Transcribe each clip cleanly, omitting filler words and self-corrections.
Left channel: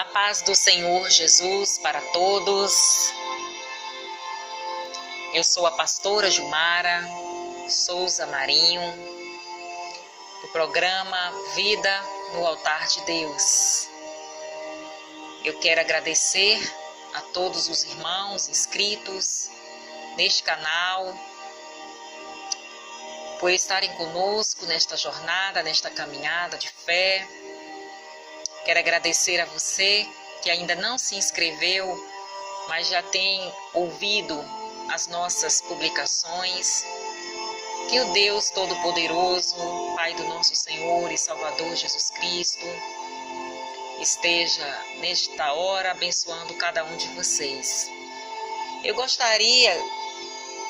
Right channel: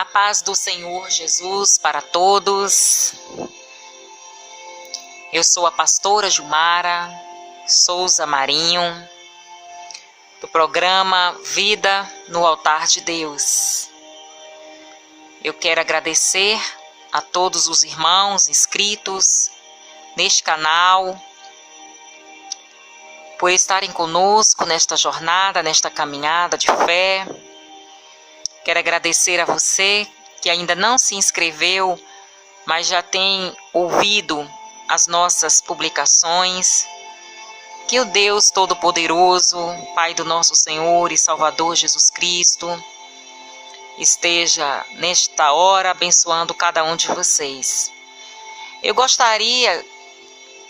A paz do Senhor Jesus para todos. Eu sou a pastora Gilmara Souza Marinho, do programa Vida no Altar de Deus. Eu quero agradecer a todos os irmãos inscritos neste canal, por estarem conosco nesta jornada, nesta caminhada de fé. Quero agradecer a você que ainda não se inscreveu, mas já tem ouvido as nossas publicações. Que o Deus Todo-Poderoso, Pai do nosso Senhor e Salvador Jesus Cristo, esteja nesta hora abençoando cada um de vocês. Eu gostaria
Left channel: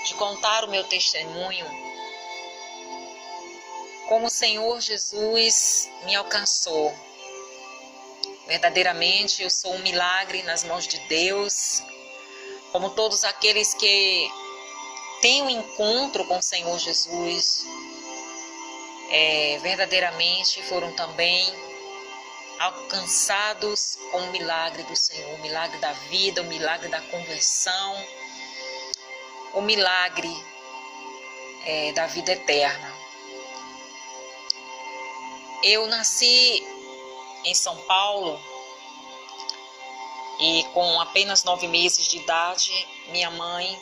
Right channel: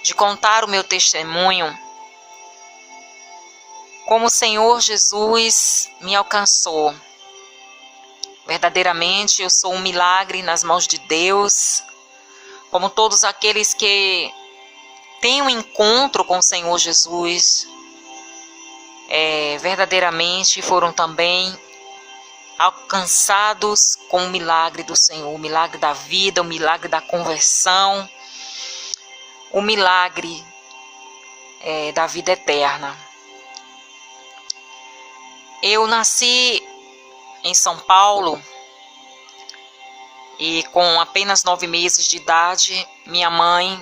de contar o meu testemunho, como o Senhor Jesus me alcançou. Verdadeiramente eu sou um milagre nas mãos de Deus, como todos aqueles que têm um encontro com o Senhor Jesus, verdadeiramente foram também alcançados com o milagre do Senhor, o milagre da vida, o milagre da conversão, o milagre da vida eterna. Eu nasci em São Paulo e com apenas 9 meses de idade, minha mãe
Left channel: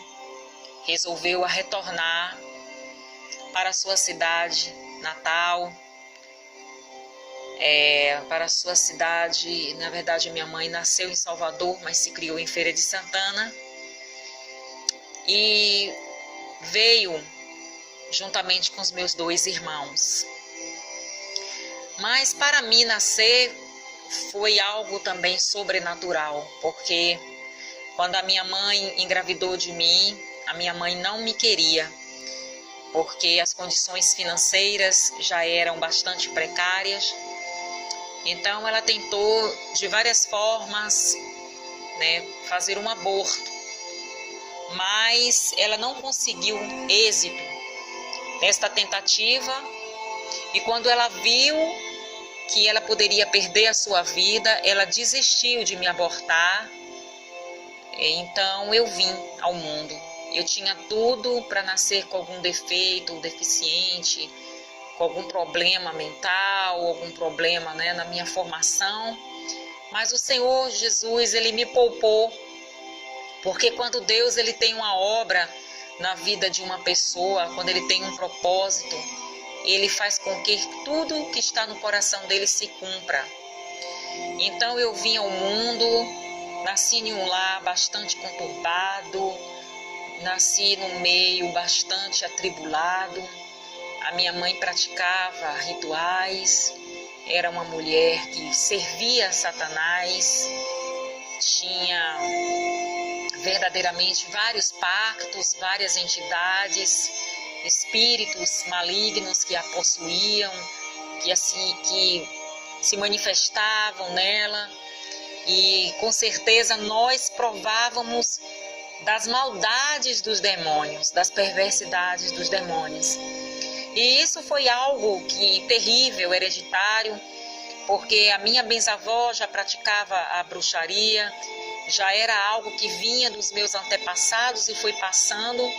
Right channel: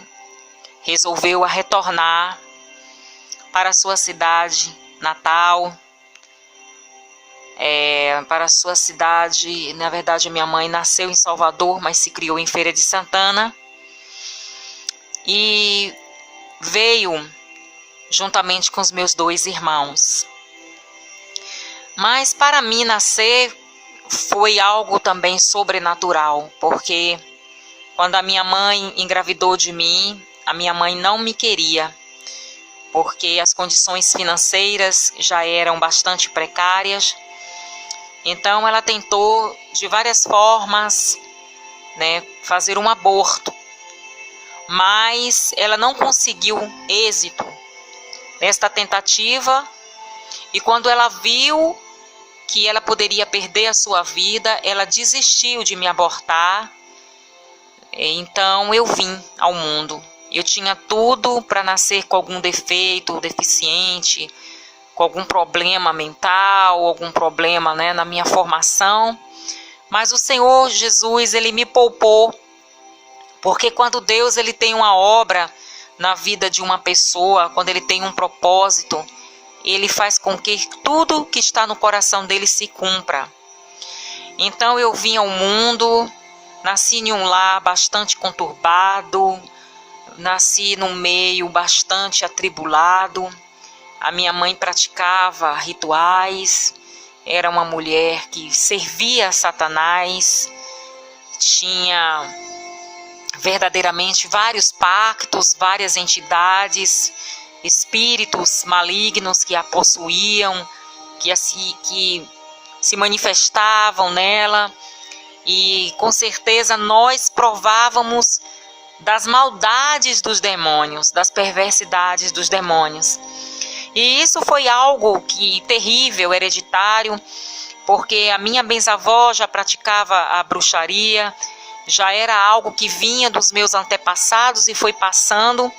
resolveu retornar para a sua cidade natal, para a sua cidade. Na verdade, minha mãe nasceu em Salvador, mas se criou em Feira de Santana e veio juntamente com os meus 2 irmãos. Mas para mim nascer foi algo também sobrenatural, porque quando a minha mãe engravidou de mim, a minha mãe não me queria, porque as condições financeiras já eram bastante precárias. Então ela tentou de várias formas, fazer um aborto, mas ela não conseguiu êxito nesta tentativa. E quando ela viu que ela poderia perder a sua vida, ela desistiu de me abortar. Então eu vim ao mundo. Eu tinha tudo para nascer com algum defeito, deficiente, com algum problema mental, algum problema na minha formação. Mas o Senhor Jesus, Ele me poupou, porque quando Deus ele tem uma obra na vida de uma pessoa, quando Ele tem um propósito, Ele faz com que tudo que está no coração dele se cumpra. Então eu vim ao mundo, nasci em um lar bastante conturbado, nasci num meio bastante atribulado. A minha mãe praticava rituais, era uma mulher que servia a Satanás, tinha verdadeiramente vários pactos, várias entidades, espíritos malignos que a possuíam, que se manifestavam nela, e com certeza nós provávamos das maldades dos demônios, das perversidades dos demônios. E isso foi algo terrível, hereditário, porque a minha bisavó já praticava a bruxaria, já era algo que vinha dos meus antepassados e foi passando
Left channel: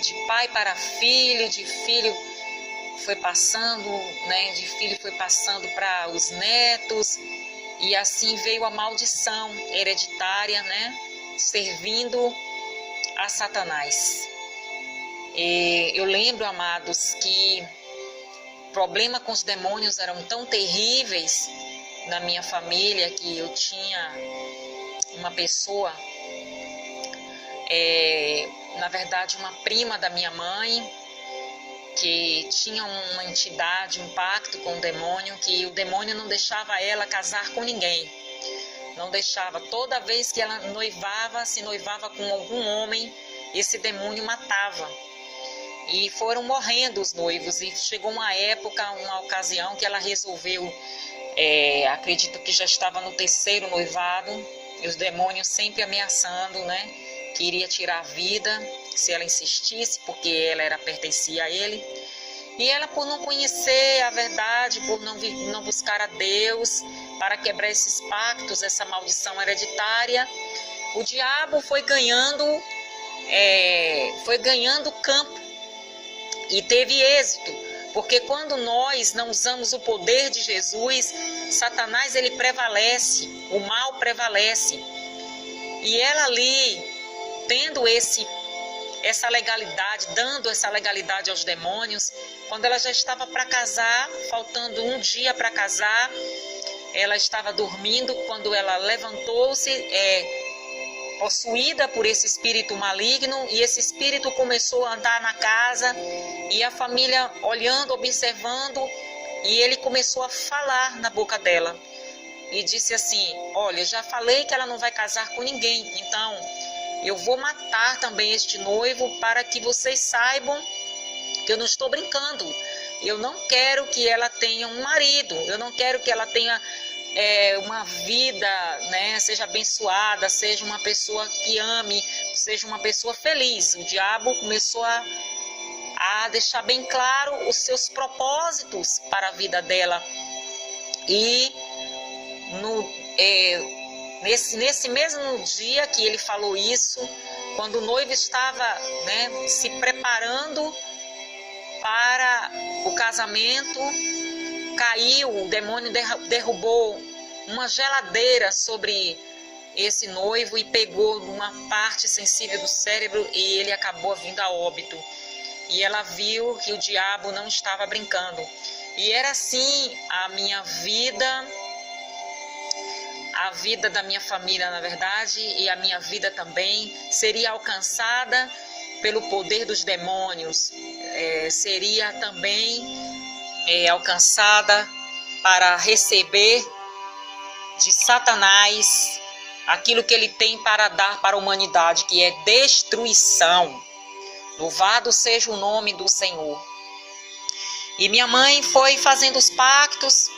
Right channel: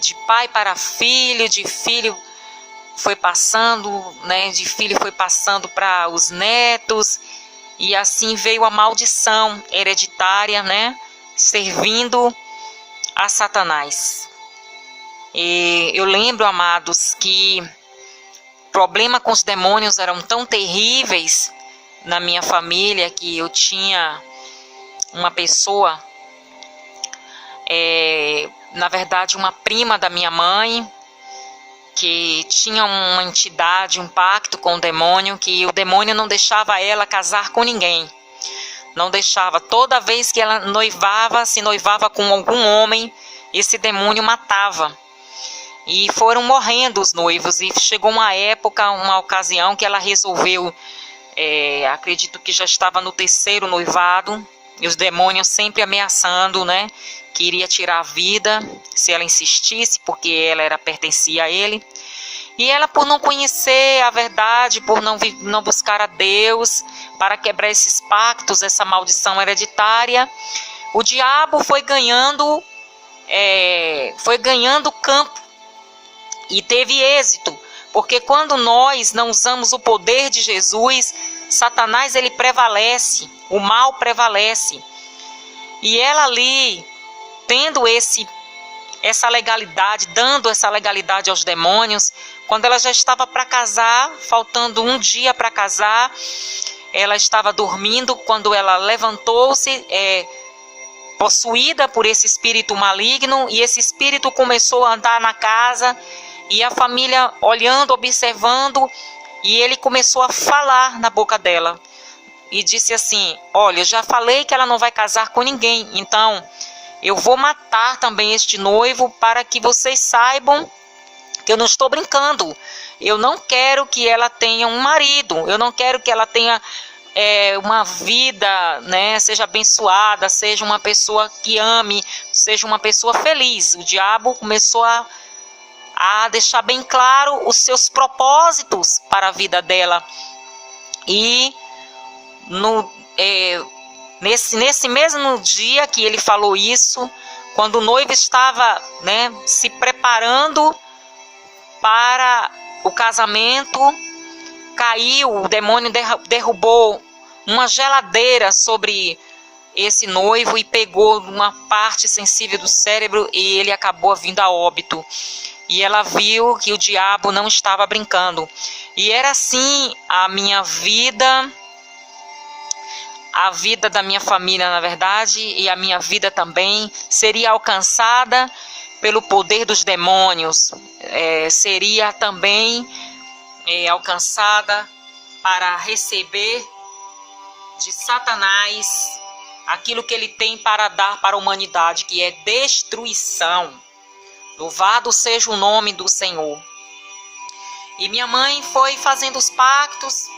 de pai para filho, de filho foi passando, de filho foi passando para os netos, e assim veio a maldição hereditária, servindo a Satanás. E eu lembro, amados, que problema com os demônios eram tão terríveis na minha família, que eu tinha uma pessoa, na verdade uma prima da minha mãe, que tinha uma entidade, um pacto com o demônio, que o demônio não deixava ela casar com ninguém, não deixava. Toda vez que ela se noivava com algum homem, esse demônio matava, e foram morrendo os noivos. E chegou uma época, uma ocasião, que ela resolveu, acredito que já estava no 3º noivado, e os demônios sempre ameaçando, que iria tirar a vida se ela insistisse, porque ela pertencia a ele. E ela, por não conhecer a verdade, por não buscar a Deus, para quebrar esses pactos, essa maldição hereditária, o diabo foi ganhando campo e teve êxito, porque quando nós não usamos o poder de Jesus, Satanás ele prevalece, o mal prevalece. E ela ali, tendo essa legalidade, dando essa legalidade aos demônios, quando ela já estava para casar, faltando um dia para casar, ela estava dormindo, quando ela levantou-se, possuída por esse espírito maligno, e esse espírito começou a andar na casa, e a família olhando, observando, e ele começou a falar na boca dela, e disse assim: olha, eu já falei que ela não vai casar com ninguém, então eu vou matar também este noivo para que vocês saibam que eu não estou brincando. Eu não quero que ela tenha um marido, eu não quero que ela tenha uma vida, né, seja abençoada, seja uma pessoa que ame, seja uma pessoa feliz. O diabo começou a deixar bem claro os seus propósitos para a vida dela. E nesse mesmo dia que ele falou isso, quando o noivo estava, né, se preparando para o casamento, caiu, o demônio derrubou uma geladeira sobre esse noivo e pegou uma parte sensível do cérebro, e ele acabou vindo a óbito. E ela viu que o diabo não estava brincando. E era assim a minha vida, a vida da minha família, na verdade, e a minha vida também seria alcançada pelo poder dos demônios, seria também alcançada para receber de Satanás aquilo que ele tem para dar para a humanidade, que é destruição. Louvado seja o nome do Senhor. E minha mãe foi fazendo os pactos.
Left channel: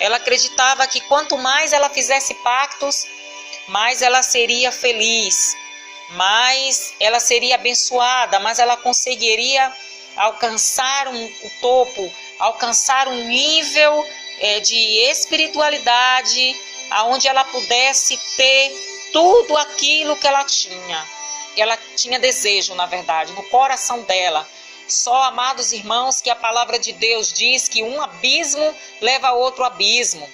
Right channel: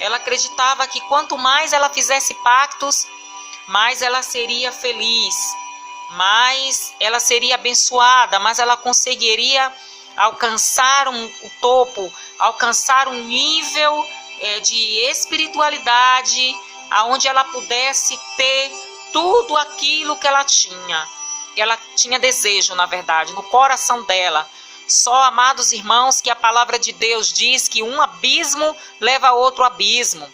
Ela acreditava que quanto mais ela fizesse pactos, mais ela seria feliz, mais ela seria abençoada, mais ela conseguiria alcançar o topo, alcançar um nível de espiritualidade, aonde ela pudesse ter tudo aquilo que ela tinha. Ela tinha desejo, na verdade, no coração dela. Só, amados irmãos, que a palavra de Deus diz que um abismo leva a outro abismo.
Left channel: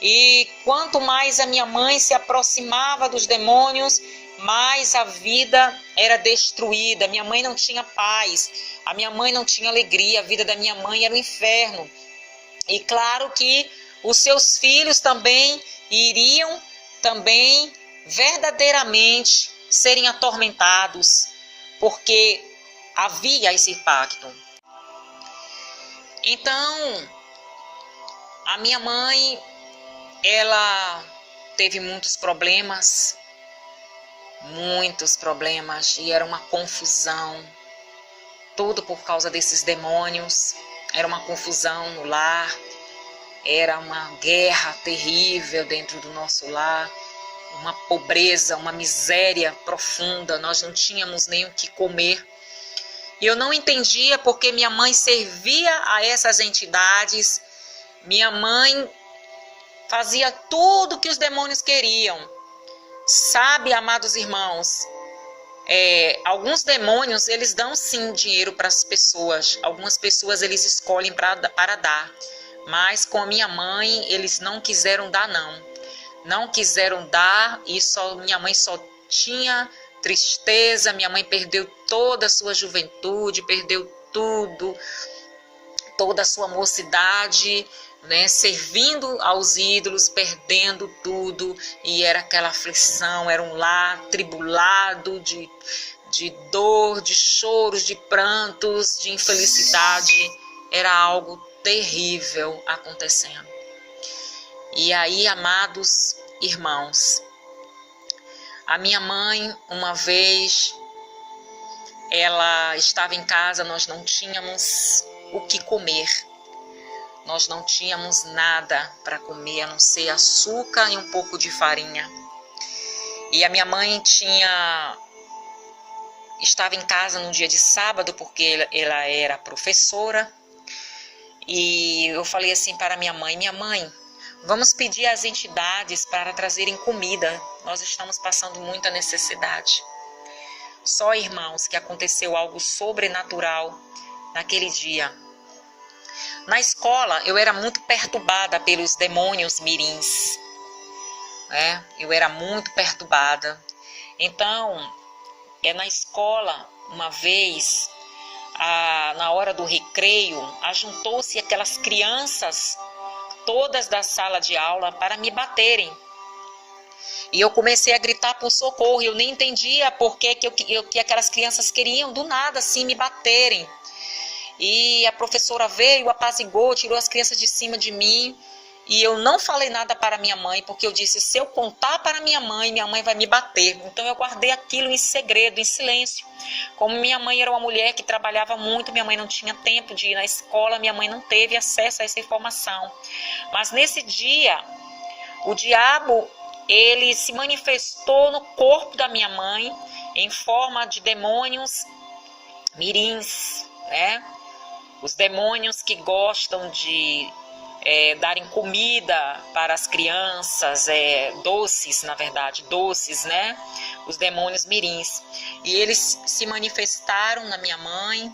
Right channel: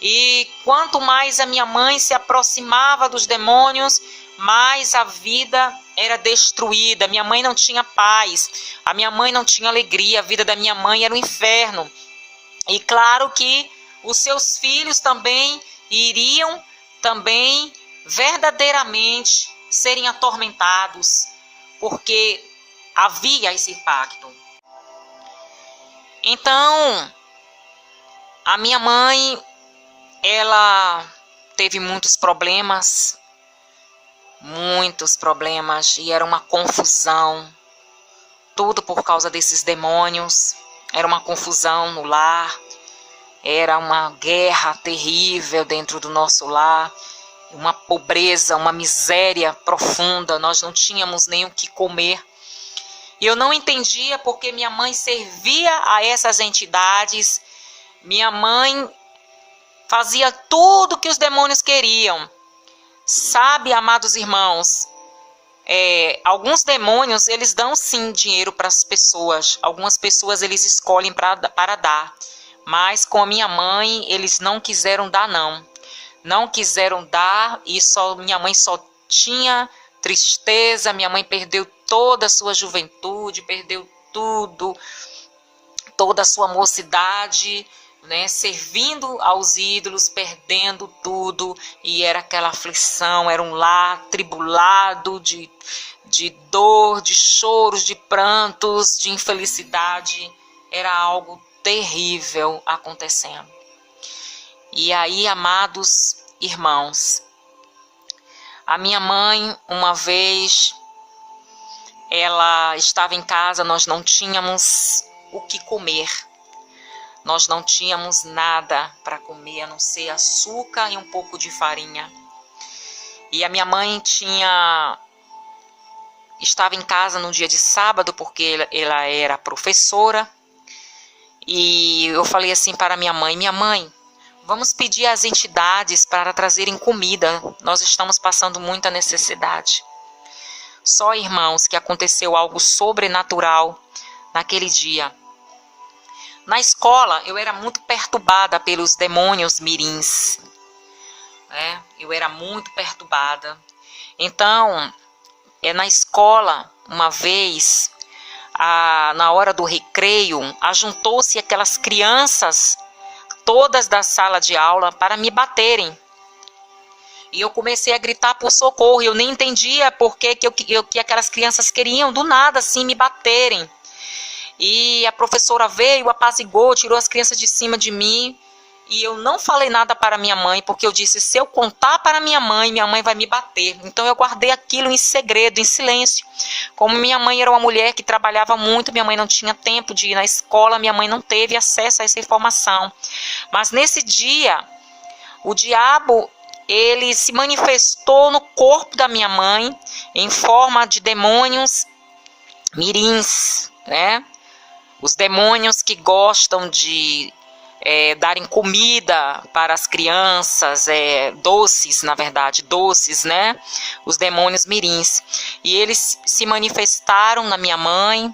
E quanto mais a minha mãe se aproximava dos demônios, mais a vida era destruída. Minha mãe não tinha paz, a minha mãe não tinha alegria, a vida da minha mãe era um inferno. E claro que os seus filhos também iriam verdadeiramente serem atormentados, porque havia esse pacto. Então, a minha mãe, ela teve muitos problemas, e era uma confusão, tudo por causa desses demônios. Era uma confusão no lar, era uma guerra terrível dentro do nosso lar, uma pobreza, uma miséria profunda, nós não tínhamos nem o que comer. E eu não entendia porque minha mãe servia a essas entidades, minha mãe fazia tudo que os demônios queriam. Sabe, amados irmãos, alguns demônios, eles dão sim dinheiro para as pessoas, algumas pessoas eles escolhem para dar, mas com a minha mãe eles não quiseram dar não quiseram dar, e minha mãe só tinha tristeza. Minha mãe perdeu toda a sua juventude, perdeu tudo, toda a sua mocidade, né, servindo aos ídolos, perdendo tudo, e era aquela aflição, era um lar tribulado de dor, de choros, de prantos, de infelicidade. Era algo terrível acontecendo. E aí, amados irmãos, a minha mãe, uma vez, ela estava em casa, nós não tínhamos o que comer. Nós não tínhamos nada para comer, a não ser açúcar e um pouco de farinha. E a minha mãe estava em casa no dia de sábado, porque ela era professora. E eu falei assim para minha mãe: Vamos pedir às entidades para trazerem comida. Nós estamos passando muita necessidade. Só, irmãos, que aconteceu algo sobrenatural naquele dia. Na escola, eu era muito perturbada pelos demônios mirins. Eu era muito perturbada. Então, na escola, uma vez, na hora do recreio, ajuntou-se aquelas crianças, todas da sala de aula, para me baterem. E eu comecei a gritar por socorro. Eu nem entendia por que aquelas crianças queriam, do nada, assim, me baterem. E a professora veio, apazigou, tirou as crianças de cima de mim. E eu não falei nada para minha mãe, porque eu disse, se eu contar para minha mãe vai me bater. Então eu guardei aquilo em segredo, em silêncio. Como minha mãe era uma mulher que trabalhava muito, minha mãe não tinha tempo de ir na escola, minha mãe não teve acesso a essa informação. Mas nesse dia, o diabo, ele se manifestou no corpo da minha mãe, em forma de demônios mirins, Os demônios que gostam de darem comida para as crianças, doces, na verdade, doces, Os demônios mirins. E eles se manifestaram na minha mãe.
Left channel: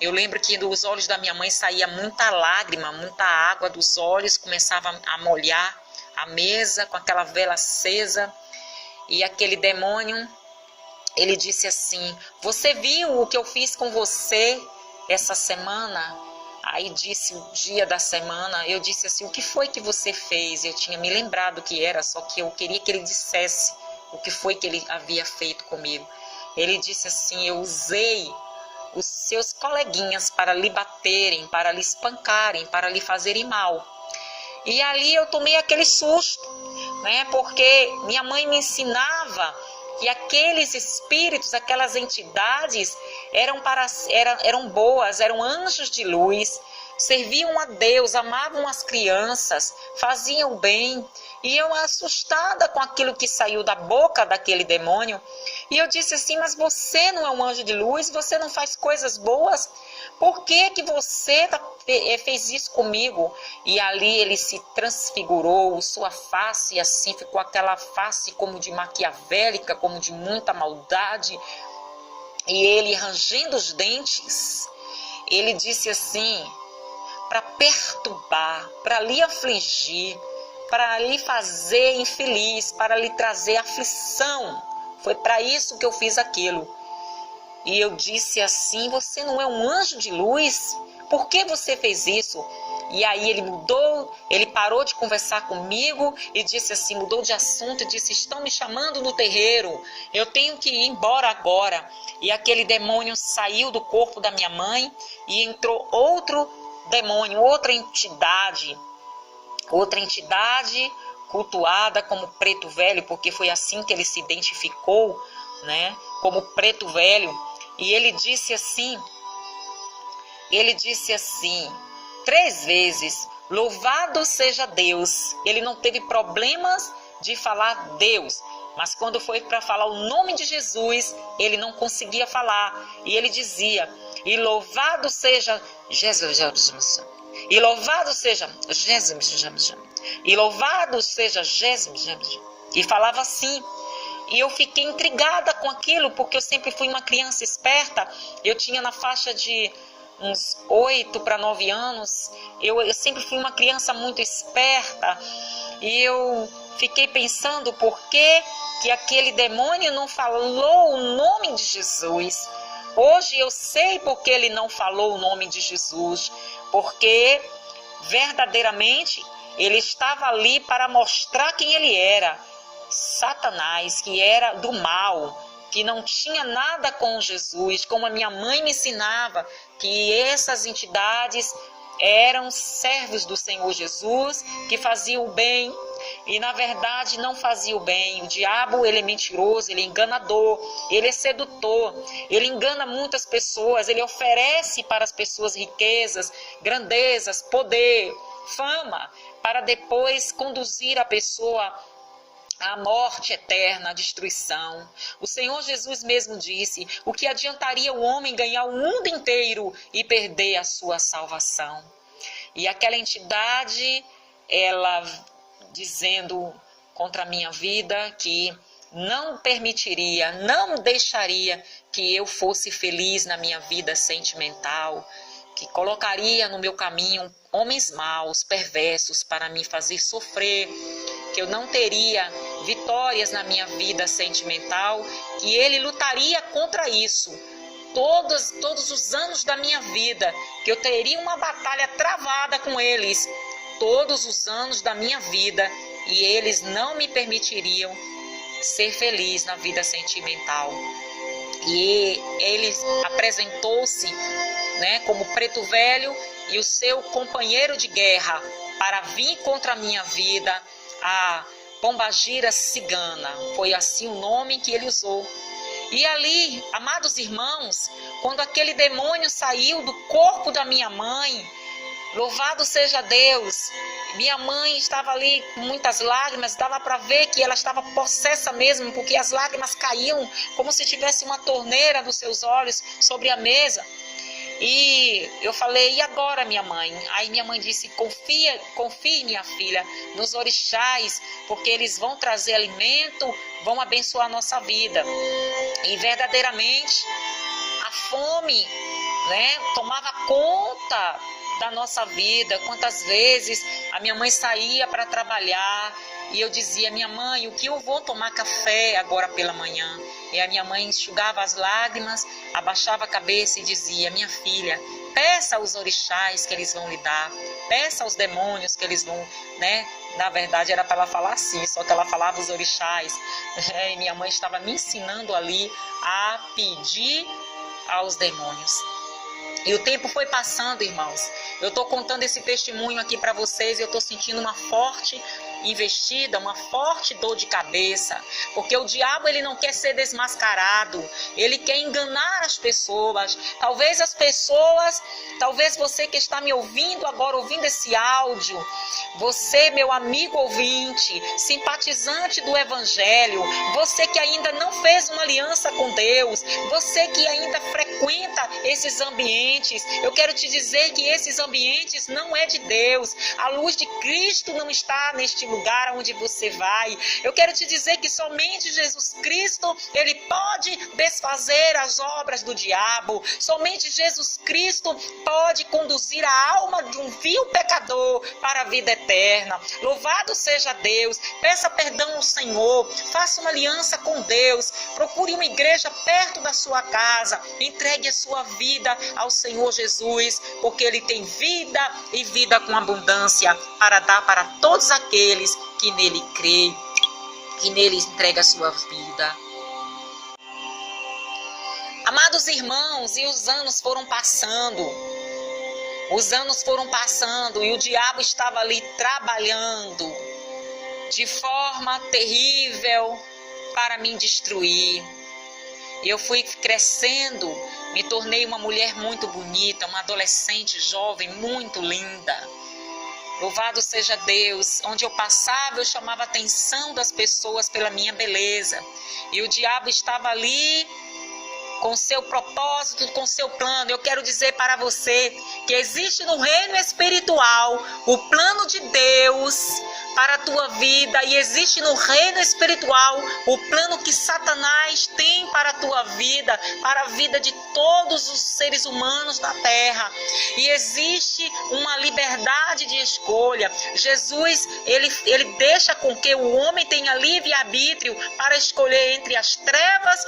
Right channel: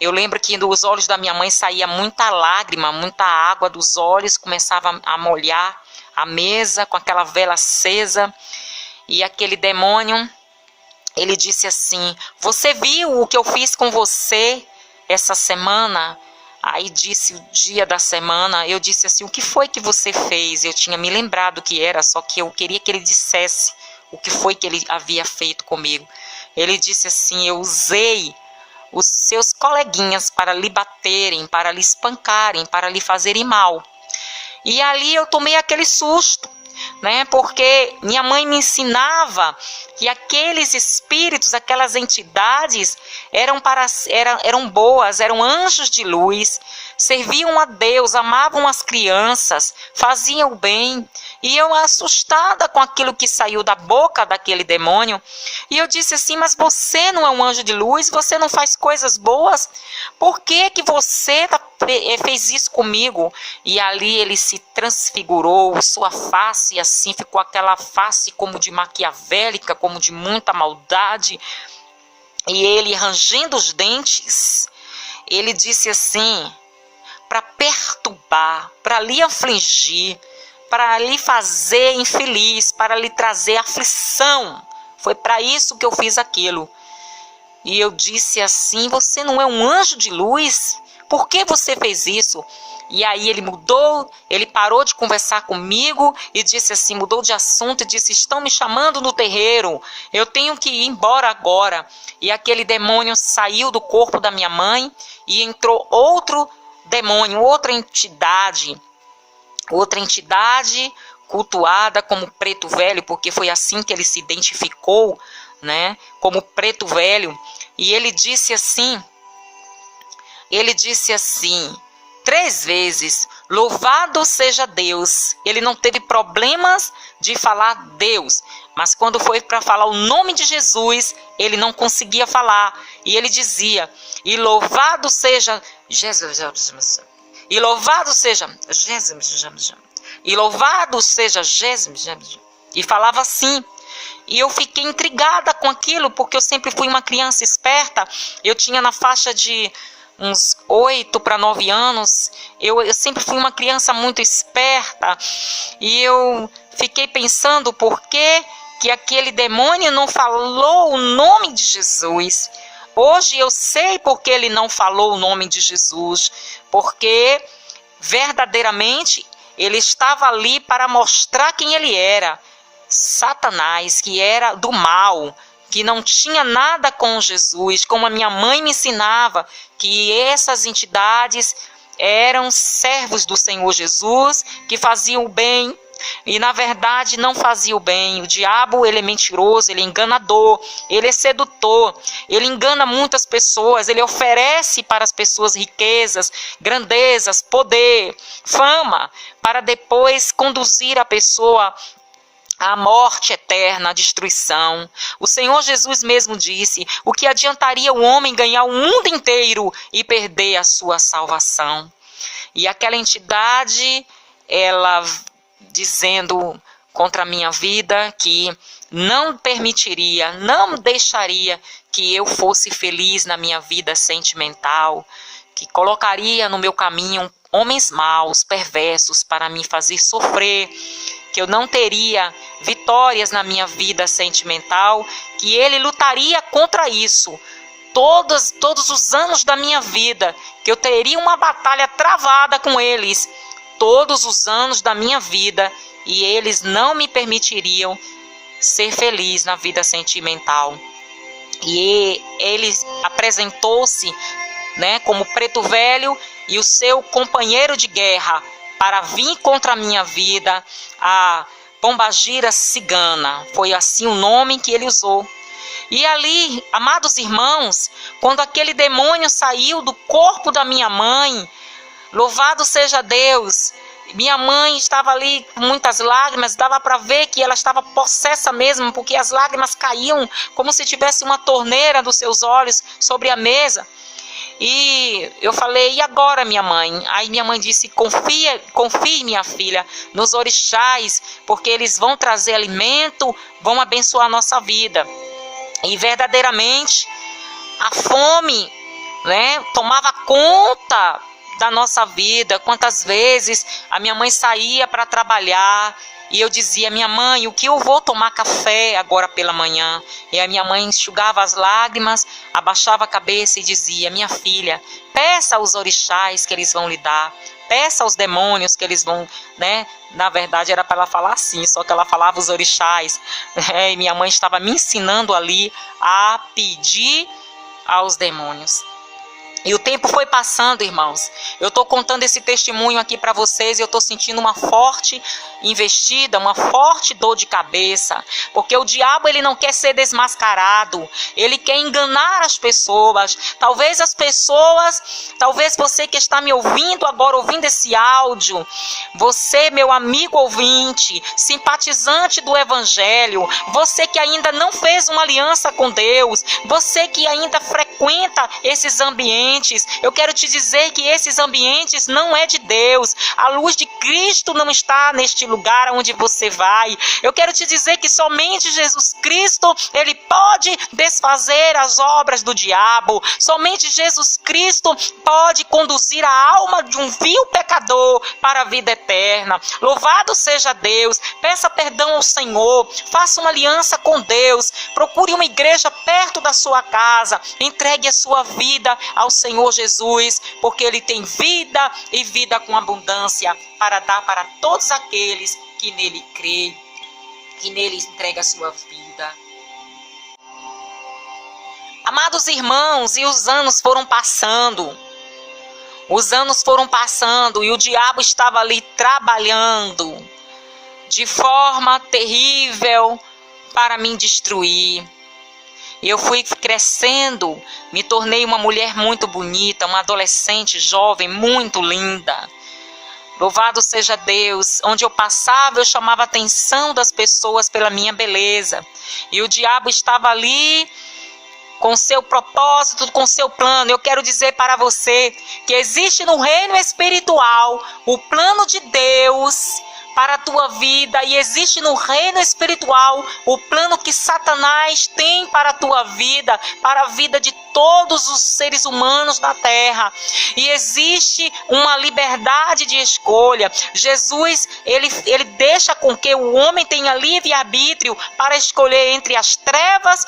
Eu lembro que dos olhos da minha mãe saía muita lágrima, muita água dos olhos, começava a molhar a mesa com aquela vela acesa. E aquele demônio, ele disse assim, você viu o que eu fiz com você essa semana? Aí disse o dia da semana, eu disse assim, o que foi que você fez? Eu tinha me lembrado que era, só que eu queria que ele dissesse o que foi que ele havia feito comigo. Ele disse assim, eu usei os seus coleguinhas para lhe baterem, para lhe espancarem, para lhe fazerem mal. E ali eu tomei aquele susto, porque minha mãe me ensinava que aqueles espíritos, aquelas entidades eram boas, eram anjos de luz, serviam a Deus, amavam as crianças, faziam o bem. E eu assustada com aquilo que saiu da boca daquele demônio, e eu disse assim, mas você não é um anjo de luz, você não faz coisas boas? Por que você fez isso comigo? E ali ele se transfigurou, sua face assim, ficou aquela face como de maquiavélica, como de muita maldade. E ele, rangendo os dentes, ele disse assim, para perturbar, para lhe afligir, para lhe fazer infeliz, para lhe trazer aflição. Foi para isso que eu fiz aquilo. E eu disse assim, você não é um anjo de luz? Por que você fez isso? E aí ele mudou, ele parou de conversar comigo e disse assim, mudou de assunto e disse, estão me chamando no terreiro, eu tenho que ir embora agora. E aquele demônio saiu do corpo da minha mãe e entrou outro demônio, outra entidade cultuada como Preto Velho, porque foi assim que ele se identificou, como Preto Velho. E ele disse assim, 3 vezes, louvado seja Deus. Ele não teve problemas de falar Deus, mas quando foi para falar o nome de Jesus, ele não conseguia falar. E ele dizia, e louvado seja Jesus, e louvado seja Jesus, e louvado seja Jesus. E falava assim. E eu fiquei intrigada com aquilo, porque eu sempre fui uma criança esperta. Eu tinha na faixa de uns 8 para 9 anos. Eu sempre fui uma criança muito esperta. E eu fiquei pensando por que aquele demônio não falou o nome de Jesus. Hoje eu sei porque ele não falou o nome de Jesus. Porque verdadeiramente ele estava ali para mostrar quem ele era. Satanás, que era do mal, que não tinha nada com Jesus, como a minha mãe me ensinava, que essas entidades eram servos do Senhor Jesus, que faziam o bem, e na verdade não faziam o bem. O diabo, ele é mentiroso, ele é enganador, ele é sedutor, ele engana muitas pessoas, ele oferece para as pessoas riquezas, grandezas, poder, fama, para depois conduzir a pessoa a morte eterna, a destruição. O Senhor Jesus mesmo disse, o que adiantaria o homem ganhar o mundo inteiro e perder a sua salvação? E aquela entidade, ela dizendo contra a minha vida que não permitiria, não deixaria que eu fosse feliz na minha vida sentimental, que colocaria no meu caminho homens maus, perversos, para me fazer sofrer, que eu não teria vitórias na minha vida sentimental, que ele lutaria contra isso. Todos os anos da minha vida, que eu teria uma batalha travada com eles, todos os anos da minha vida, e eles não me permitiriam ser feliz na vida sentimental. E ele apresentou-se, né, como preto velho e o seu companheiro de guerra para vir contra a minha vida, a pombagira cigana. Foi assim o nome que ele usou. E ali, amados irmãos, quando aquele demônio saiu do corpo da minha mãe, louvado seja Deus, minha mãe estava ali com muitas lágrimas, dava para ver que ela estava possessa mesmo, porque as lágrimas caíam como se tivesse uma torneira dos seus olhos sobre a mesa. E eu falei, e agora, minha mãe? Aí minha mãe disse, confie, minha filha, nos orixás, porque eles vão trazer alimento, vão abençoar a nossa vida. E verdadeiramente, a fome, né, tomava conta da nossa vida. Quantas vezes a minha mãe saía para trabalhar e eu dizia, minha mãe, o que eu vou tomar café agora pela manhã? E a minha mãe enxugava as lágrimas, abaixava a cabeça e dizia, minha filha, peça aos orixás que eles vão lhe dar, peça aos demônios que eles vão, né? Na verdade era para ela falar assim, só que ela falava os orixás, né? E minha mãe estava me ensinando ali a pedir aos demônios. E o tempo foi passando, irmãos. Eu estou contando esse testemunho aqui para vocês e eu estou sentindo uma forte investida, uma forte dor de cabeça. Porque o diabo, ele não quer ser desmascarado. Ele quer enganar as pessoas. Talvez as pessoas, talvez você que está me ouvindo agora, ouvindo esse áudio, você, meu amigo ouvinte, simpatizante do Evangelho, você que ainda não fez uma aliança com Deus, você que ainda frequenta esses ambientes, eu quero te dizer que esses ambientes não é de Deus. A luz de Cristo não está neste lugar onde você vai. Eu quero te dizer que somente Jesus Cristo, ele pode desfazer as obras do diabo. Somente Jesus Cristo pode conduzir a alma de um vil pecador para a vida eterna. Louvado seja Deus. Peça perdão ao Senhor. Faça uma aliança com Deus. Procure uma igreja perto da sua casa. Entregue a sua vida ao Senhor Jesus, porque ele tem vida e vida com abundância para dar para todos aqueles que nele creem, que nele entrega a sua vida. Amados irmãos, e os anos foram passando. Os anos foram passando e o diabo estava ali trabalhando de forma terrível para me destruir. Eu fui crescendo, me tornei uma mulher muito bonita, uma adolescente jovem, muito linda. Louvado seja Deus, onde eu passava eu chamava a atenção das pessoas pela minha beleza. E o diabo estava ali com seu propósito, com seu plano. Eu quero dizer para você que existe no reino espiritual o plano de Deus para a tua vida, e existe no reino espiritual o plano que Satanás tem para a tua vida, para a vida de todos os seres humanos da terra. E existe uma liberdade de escolha. Jesus, ele deixa com que o homem tenha livre-arbítrio para escolher entre as trevas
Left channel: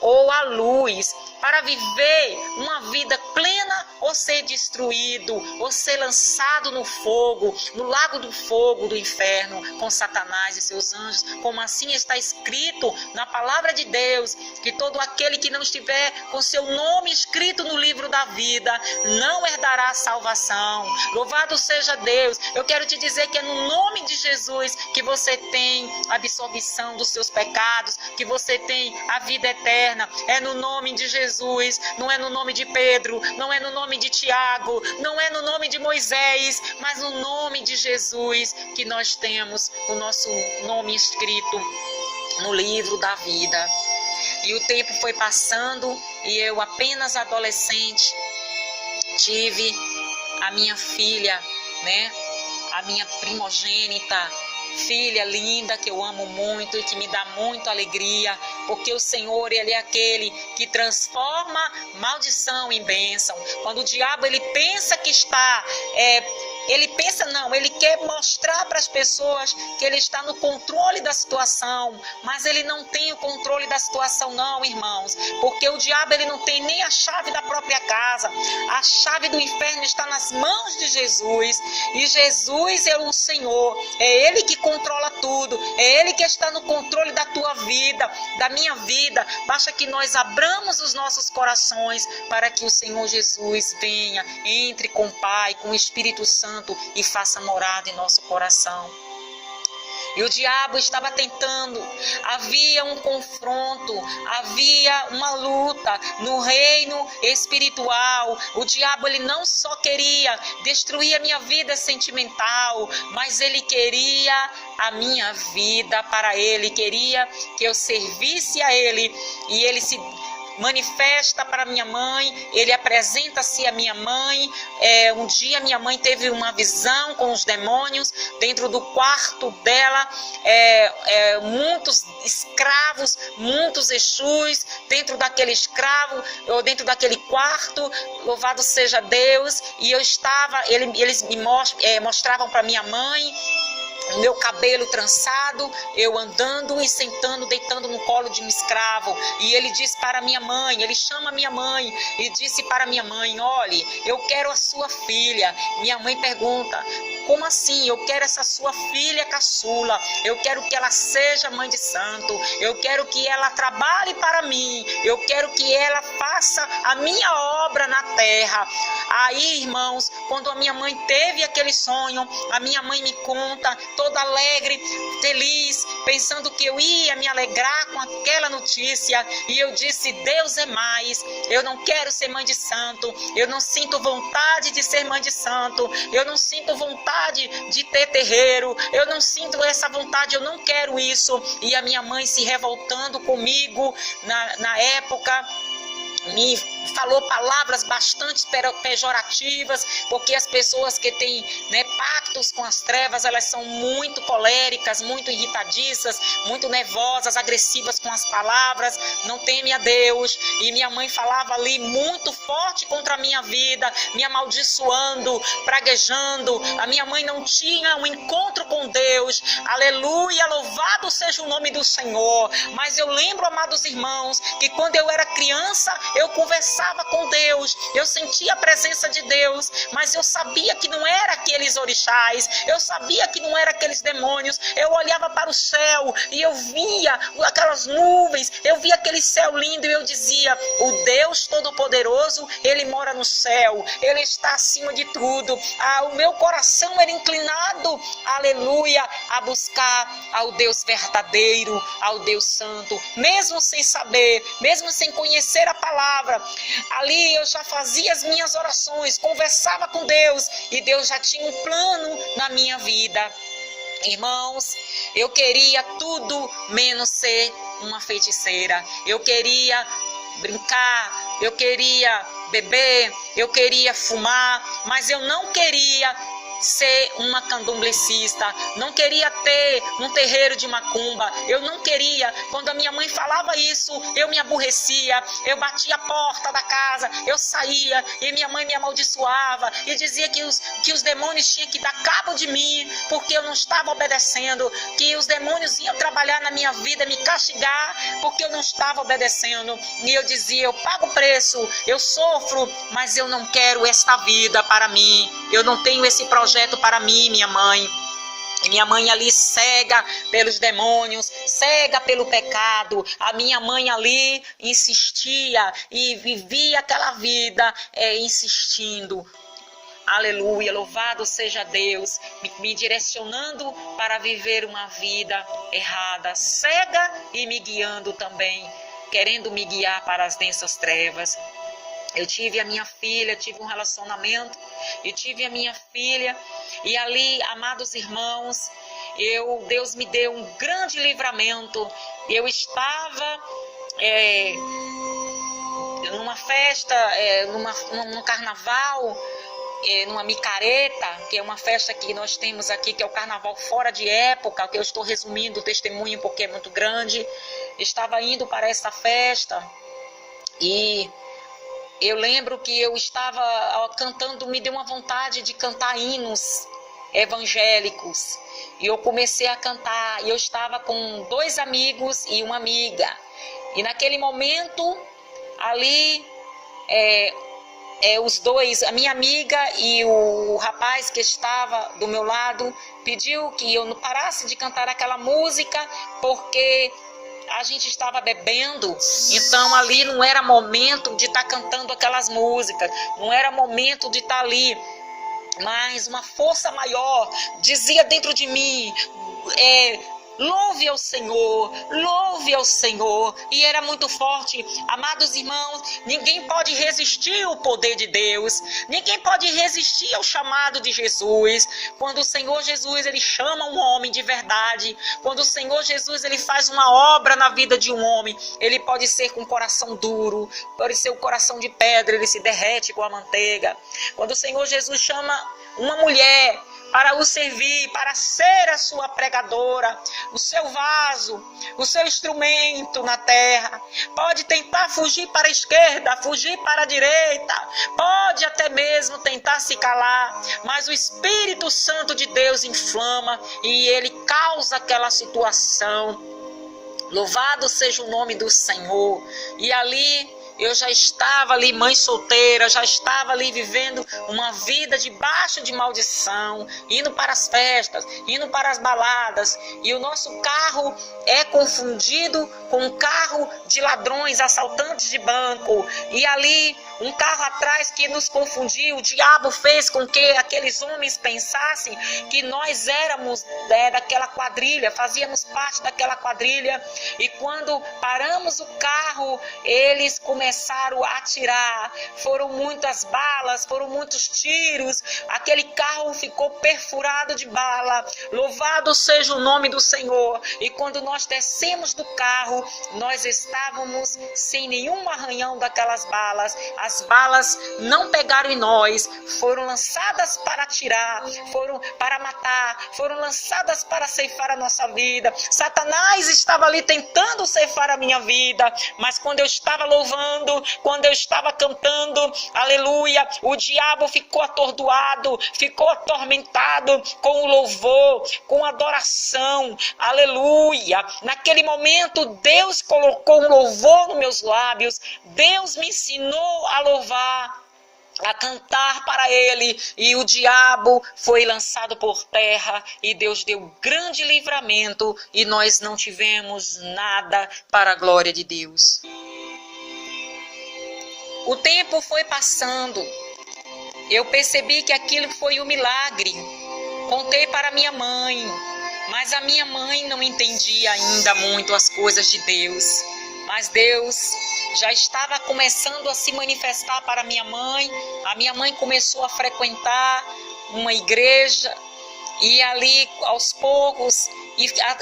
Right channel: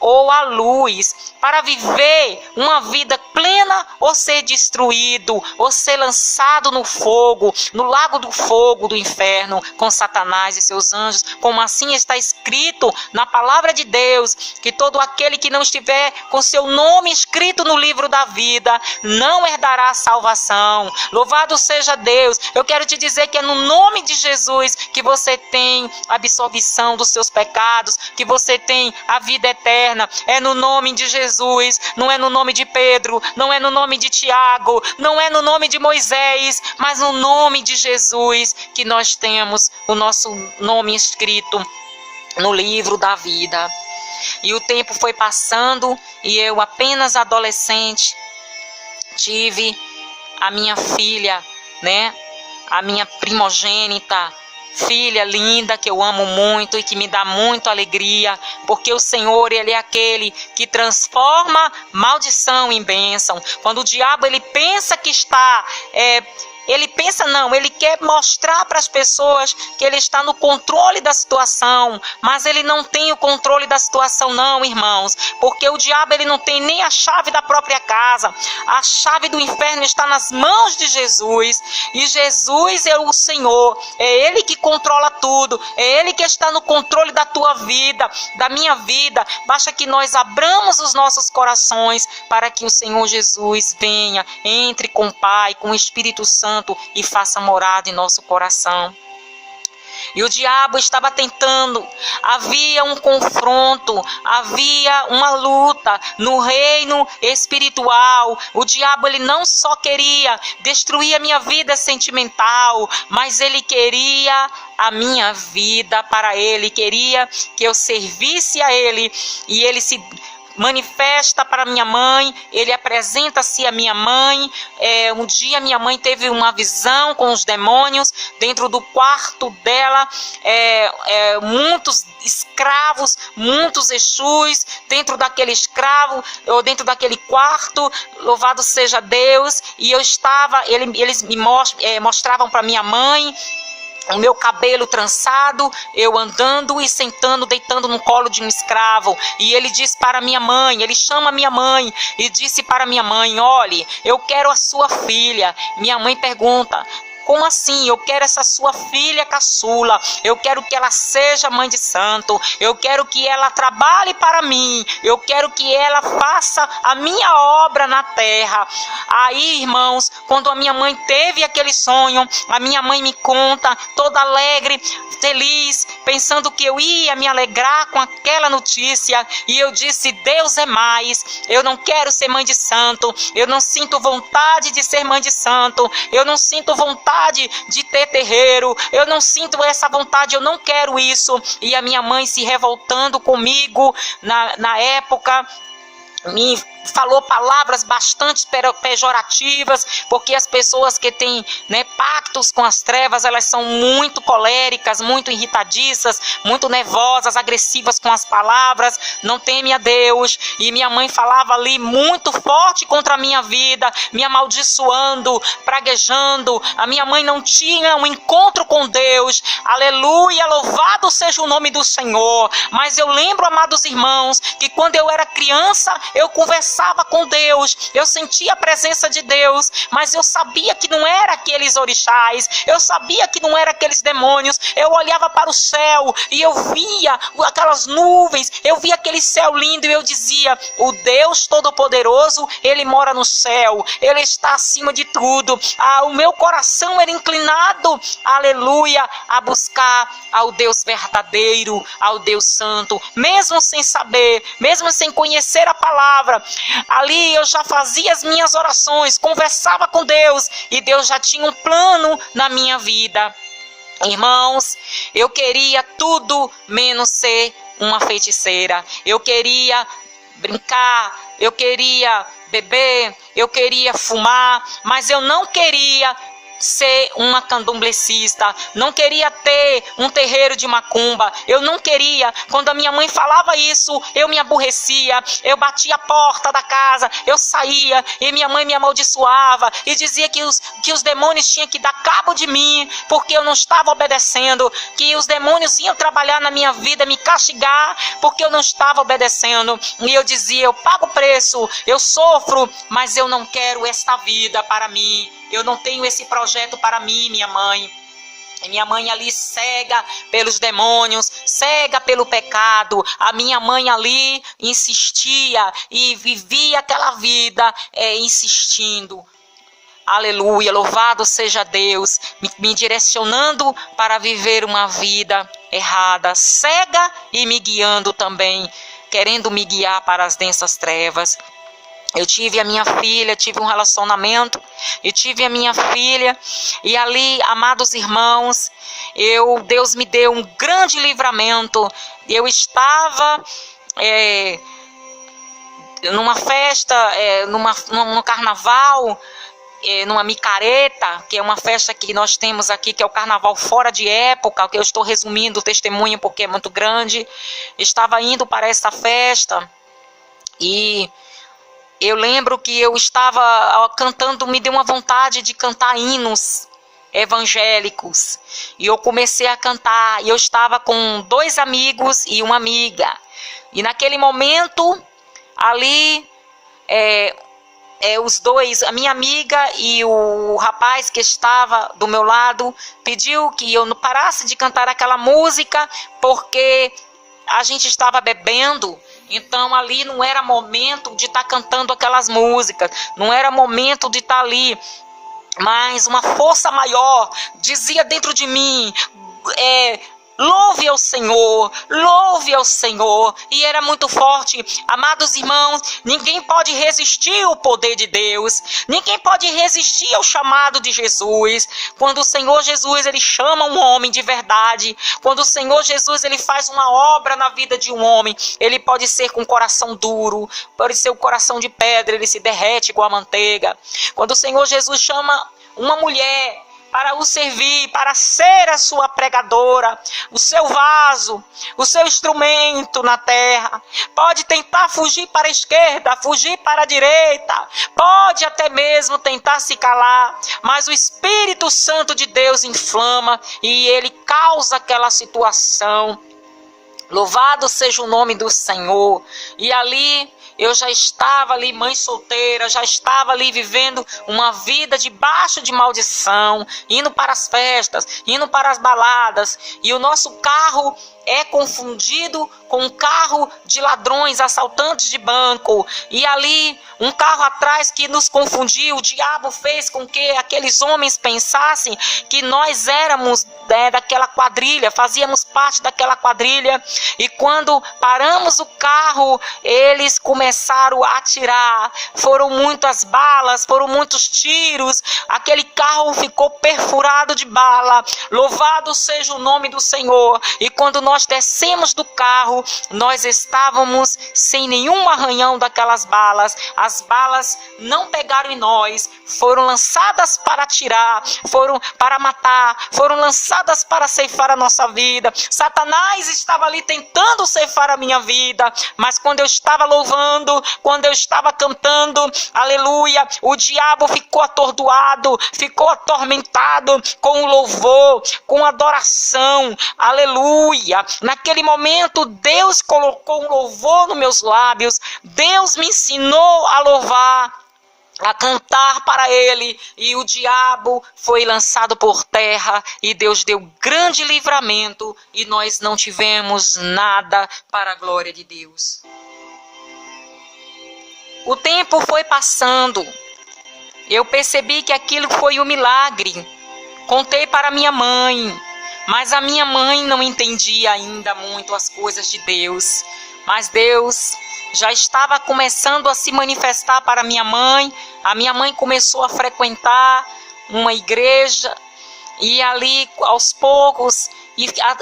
ou a luz, para viver uma vida plena ou ser destruído, ou ser lançado no fogo, no lago do fogo do inferno, com Satanás e seus anjos, como assim está escrito na palavra de Deus, que todo aquele que não estiver com seu nome escrito no livro da vida, não herdará a salvação. Louvado seja Deus. Eu quero te dizer que é no nome de Jesus que você tem a absolvição dos seus pecados, que você tem a vida eterna. É no nome de Jesus, não é no nome de Pedro, não é no nome de Tiago, não é no nome de Moisés, mas no nome de Jesus que nós temos o nosso nome escrito no livro da vida. E o tempo foi passando e eu, apenas adolescente, tive a minha filha, né? A minha primogênita, filha linda que eu amo muito e que me dá muita alegria, porque o Senhor, Ele é aquele que transforma maldição em bênção. Quando o diabo ele pensa que está... Ele quer mostrar para as pessoas que ele está no controle da situação, mas ele não tem o controle da situação não, irmãos, porque o diabo ele não tem nem a chave da própria casa. A chave do inferno está nas mãos de Jesus, e Jesus é o Senhor, é Ele que controla tudo, é Ele que está no controle da tua vida, da minha vida. Basta que nós abramos os nossos corações para que o Senhor Jesus venha, entre com o Pai, com o Espírito Santo, e faça morada em nosso coração. E o diabo estava tentando, havia um confronto, havia uma luta no reino espiritual. O diabo ele não só queria destruir a minha vida sentimental, mas ele queria a minha vida para ele, queria que eu servisse a ele, e ele se manifesta para minha mãe, ele apresenta-se a minha mãe. Um dia minha mãe teve uma visão com os demônios dentro do quarto dela, muitos escravos, muitos exus dentro daquele escravo, ou dentro daquele quarto. Louvado seja Deus. E eu estava, eles me mostravam para minha mãe o meu cabelo trançado, eu andando e sentando, deitando no colo de um escravo. E ele diz para minha mãe, ele chama minha mãe e disse para minha mãe: olhe, eu quero a sua filha. Minha mãe pergunta: como assim? Eu quero essa sua filha caçula, eu quero que ela seja mãe de santo, eu quero que ela trabalhe para mim, eu quero que ela faça a minha obra na terra. Aí, irmãos, quando a minha mãe teve aquele sonho, a minha mãe me conta, toda alegre, feliz, pensando que eu ia me alegrar com aquela notícia, e eu disse: Deus é mais, eu não quero ser mãe de santo, eu não sinto vontade de ser mãe de santo, eu não sinto vontade de ter terreiro, eu não sinto essa vontade, eu não quero isso. E a minha mãe se revoltando comigo na época, me falou palavras bastante pejorativas, porque as pessoas que têm, pactos com as trevas, elas são muito coléricas, muito irritadiças, muito nervosas, agressivas com as palavras, não teme a Deus. E minha mãe falava ali muito forte contra a minha vida, me amaldiçoando, praguejando. A minha mãe não tinha um encontro com Deus, aleluia, louvado seja o nome do Senhor. Mas eu lembro, amados irmãos, que quando eu era criança, eu conversava com Deus, eu sentia a presença de Deus, mas eu sabia que não era aqueles orixás, eu sabia que não era aqueles demônios. Eu olhava para o céu e eu via aquelas nuvens, eu via aquele céu lindo, e eu dizia: o Deus Todo-Poderoso, Ele mora no céu, Ele está acima de tudo. O meu coração era inclinado, aleluia, a buscar ao Deus verdadeiro, ao Deus santo, mesmo sem saber, mesmo sem conhecer a palavra. Ali eu já fazia as minhas orações, conversava com Deus, e Deus já tinha um plano na minha vida. Irmãos, eu queria tudo menos ser uma feiticeira. Eu queria brincar, eu queria beber, eu queria fumar, mas eu não queria ser uma candomblecista, não queria ter um terreiro de macumba, eu não queria. Quando a minha mãe falava isso, eu me aborrecia, eu batia a porta da casa, eu saía, e minha mãe me amaldiçoava e dizia que os demônios tinham que dar cabo de mim, porque eu não estava obedecendo, que os demônios iam trabalhar na minha vida, me castigar, porque eu não estava obedecendo. E eu dizia: eu pago o preço, eu sofro, mas eu não quero esta vida para mim, eu não tenho esse projeto para mim, minha mãe. E minha mãe ali cega pelos demônios, cega pelo pecado. A minha mãe ali insistia e vivia aquela vida insistindo. Aleluia, louvado seja Deus, me direcionando para viver uma vida errada, cega, e me guiando também, querendo me guiar para as densas trevas. Eu tive a minha filha, tive um relacionamento, e tive a minha filha, e ali, amados irmãos, Deus me deu um grande livramento. Eu estava numa festa, no carnaval, numa micareta, que é uma festa que nós temos aqui, que é o carnaval fora de época, que eu estou resumindo o testemunho porque é muito grande. Estava indo para essa festa e eu lembro que eu estava cantando, me deu uma vontade de cantar hinos evangélicos. E eu comecei a cantar, e eu estava com 2 amigos e uma amiga. E naquele momento, ali, os dois, a minha amiga e o rapaz que estava do meu lado, pediu que eu não parasse de cantar aquela música, porque a gente estava bebendo. Então ali não era momento de estar cantando aquelas músicas, não era momento de estar ali, mas uma força maior dizia dentro de mim, louve ao Senhor, louve ao Senhor. E era muito forte. Amados irmãos, ninguém pode resistir ao poder de Deus, ninguém pode resistir ao chamado de Jesus. Quando o Senhor Jesus, ele chama um homem de verdade, quando o Senhor Jesus, ele faz uma obra na vida de um homem, ele pode ser com coração duro, pode ser o coração de pedra, ele se derrete com a manteiga. Quando o Senhor Jesus chama uma mulher para o servir, para ser a sua pregadora, o seu vaso, o seu instrumento na terra. Pode tentar fugir para a esquerda, fugir para a direita, pode até mesmo tentar se calar, mas o Espírito Santo de Deus inflama e ele causa aquela situação. Louvado seja o nome do Senhor. E ali eu já estava ali, mãe solteira, já estava ali vivendo uma vida debaixo de maldição, indo para as festas, indo para as baladas, e o nosso carro é confundido com um carro de ladrões, assaltantes de banco, e ali um carro atrás que nos confundiu. O diabo fez com que aqueles homens pensassem que nós éramos daquela quadrilha, fazíamos parte daquela quadrilha, e quando paramos o carro, eles começaram a atirar. Foram muitas balas, foram muitos tiros, aquele carro ficou perfurado de bala. Louvado seja o nome do Senhor. E quando nós descemos do carro, nós estávamos sem nenhum arranhão daquelas balas. As balas não pegaram em nós, foram lançadas para atirar, foram para matar, foram lançadas para ceifar a nossa vida. Satanás estava ali tentando ceifar a minha vida, mas quando eu estava louvando, quando eu estava cantando, aleluia, o diabo ficou atordoado, ficou atormentado com o louvor, com a adoração, aleluia. Naquele momento Deus colocou um louvor nos meus lábios, Deus me ensinou a louvar, a cantar para ele, e o diabo foi lançado por terra, e Deus deu grande livramento, e nós não tivemos nada, para a glória de Deus. O tempo foi passando, eu percebi que aquilo foi um milagre. Contei para minha mãe, mas a minha mãe não entendia ainda muito as coisas de Deus, mas Deus já estava começando a se manifestar para minha mãe. A minha mãe começou a frequentar uma igreja, e ali aos poucos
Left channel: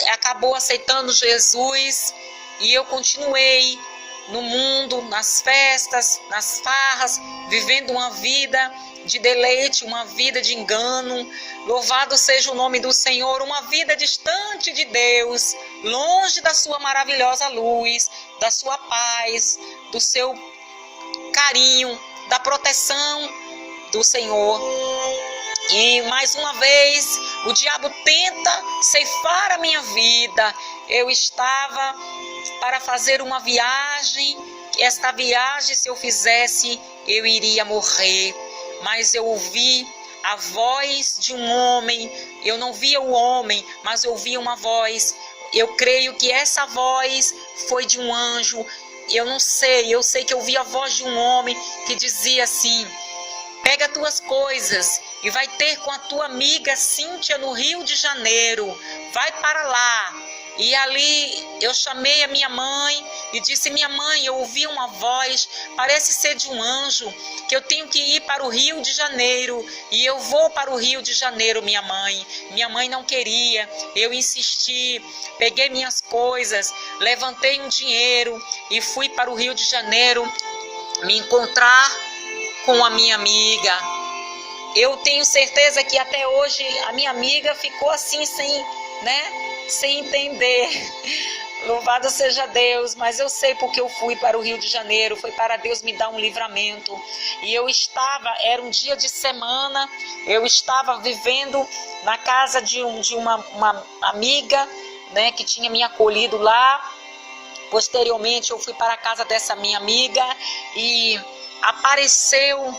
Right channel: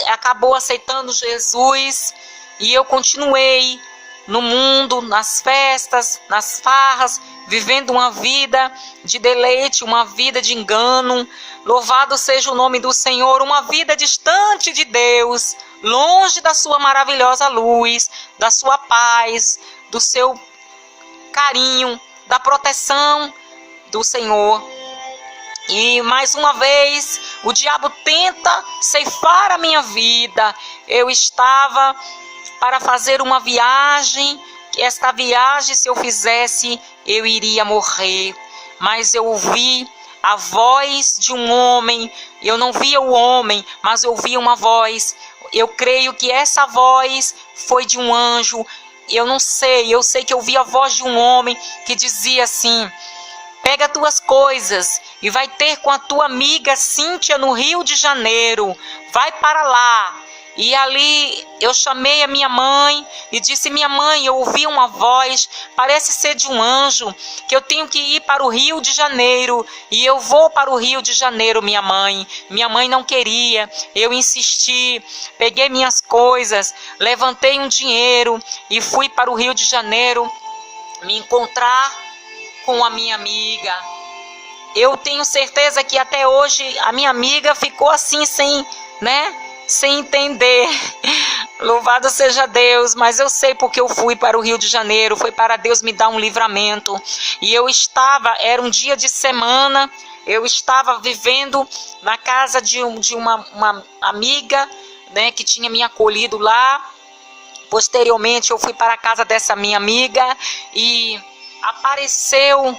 acabou aceitando Jesus, e eu continuei no mundo, nas festas, nas farras, vivendo uma vida de deleite, uma vida de engano. Louvado seja o nome do Senhor, uma vida distante de Deus, longe da sua maravilhosa luz, da sua paz, do seu carinho, da proteção do Senhor. E mais uma vez o diabo tenta ceifar a minha vida. Eu estava para fazer uma viagem, esta viagem, se eu fizesse, eu iria morrer, mas eu ouvi a voz de um homem. Eu não via o homem, mas eu ouvia uma voz. Eu creio que essa voz foi de um anjo. Eu não sei, eu sei que eu ouvi a voz de um homem que dizia assim: pega tuas coisas e vai ter com a tua amiga Cíntia no Rio de Janeiro, vai para lá. E ali eu chamei a minha mãe e disse: minha mãe, eu ouvi uma voz, parece ser de um anjo, que eu tenho que ir para o Rio de Janeiro. E eu vou para o Rio de Janeiro, minha mãe. Minha mãe não queria, eu insisti, peguei minhas coisas, levantei um dinheiro e fui para o Rio de Janeiro me encontrar com a minha amiga. eu tenho certeza que até hoje a minha amiga ficou assim sem entender. Louvado seja Deus, mas eu sei porque eu fui para o Rio de Janeiro, foi para Deus me dar um livramento. E era um dia de semana, eu estava vivendo na casa de uma amiga, né, que tinha me acolhido lá. Posteriormente eu fui para a casa dessa minha amiga e apareceu,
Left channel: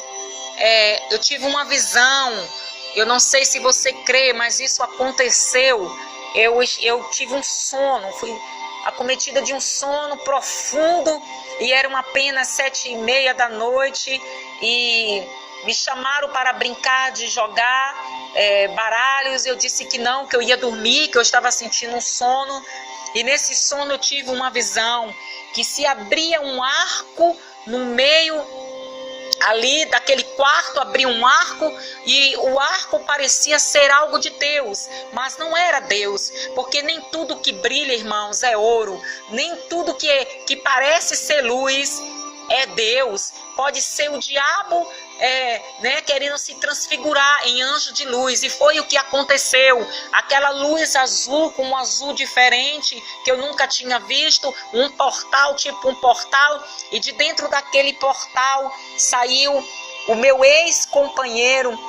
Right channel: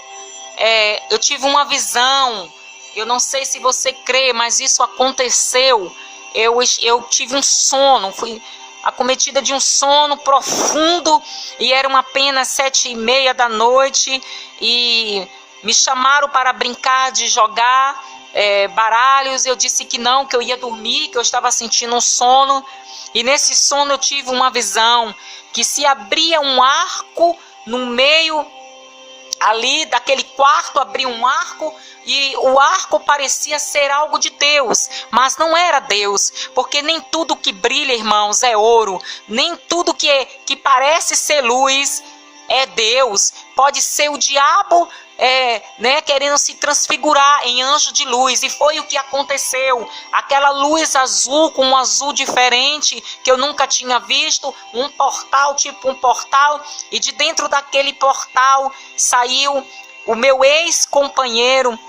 eu tive uma visão. Eu não sei se você crê, mas isso aconteceu. Eu tive um sono, fui acometida de um sono profundo e eram apenas 7:30 da noite e me chamaram para brincar de jogar baralhos. Eu disse que não, que eu ia dormir, que eu estava sentindo um sono. E nesse sono eu tive uma visão que se abria um arco no meio ali daquele quarto, abria um arco e o arco parecia ser algo de Deus, mas não era Deus, porque nem tudo que brilha, irmãos, é ouro, nem tudo que parece ser luz é Deus. Pode ser o diabo querendo se transfigurar em anjo de luz, e foi o que aconteceu. Aquela luz azul, com um azul diferente que eu nunca tinha visto, um portal, tipo um portal, e de dentro daquele portal saiu o meu ex-companheiro,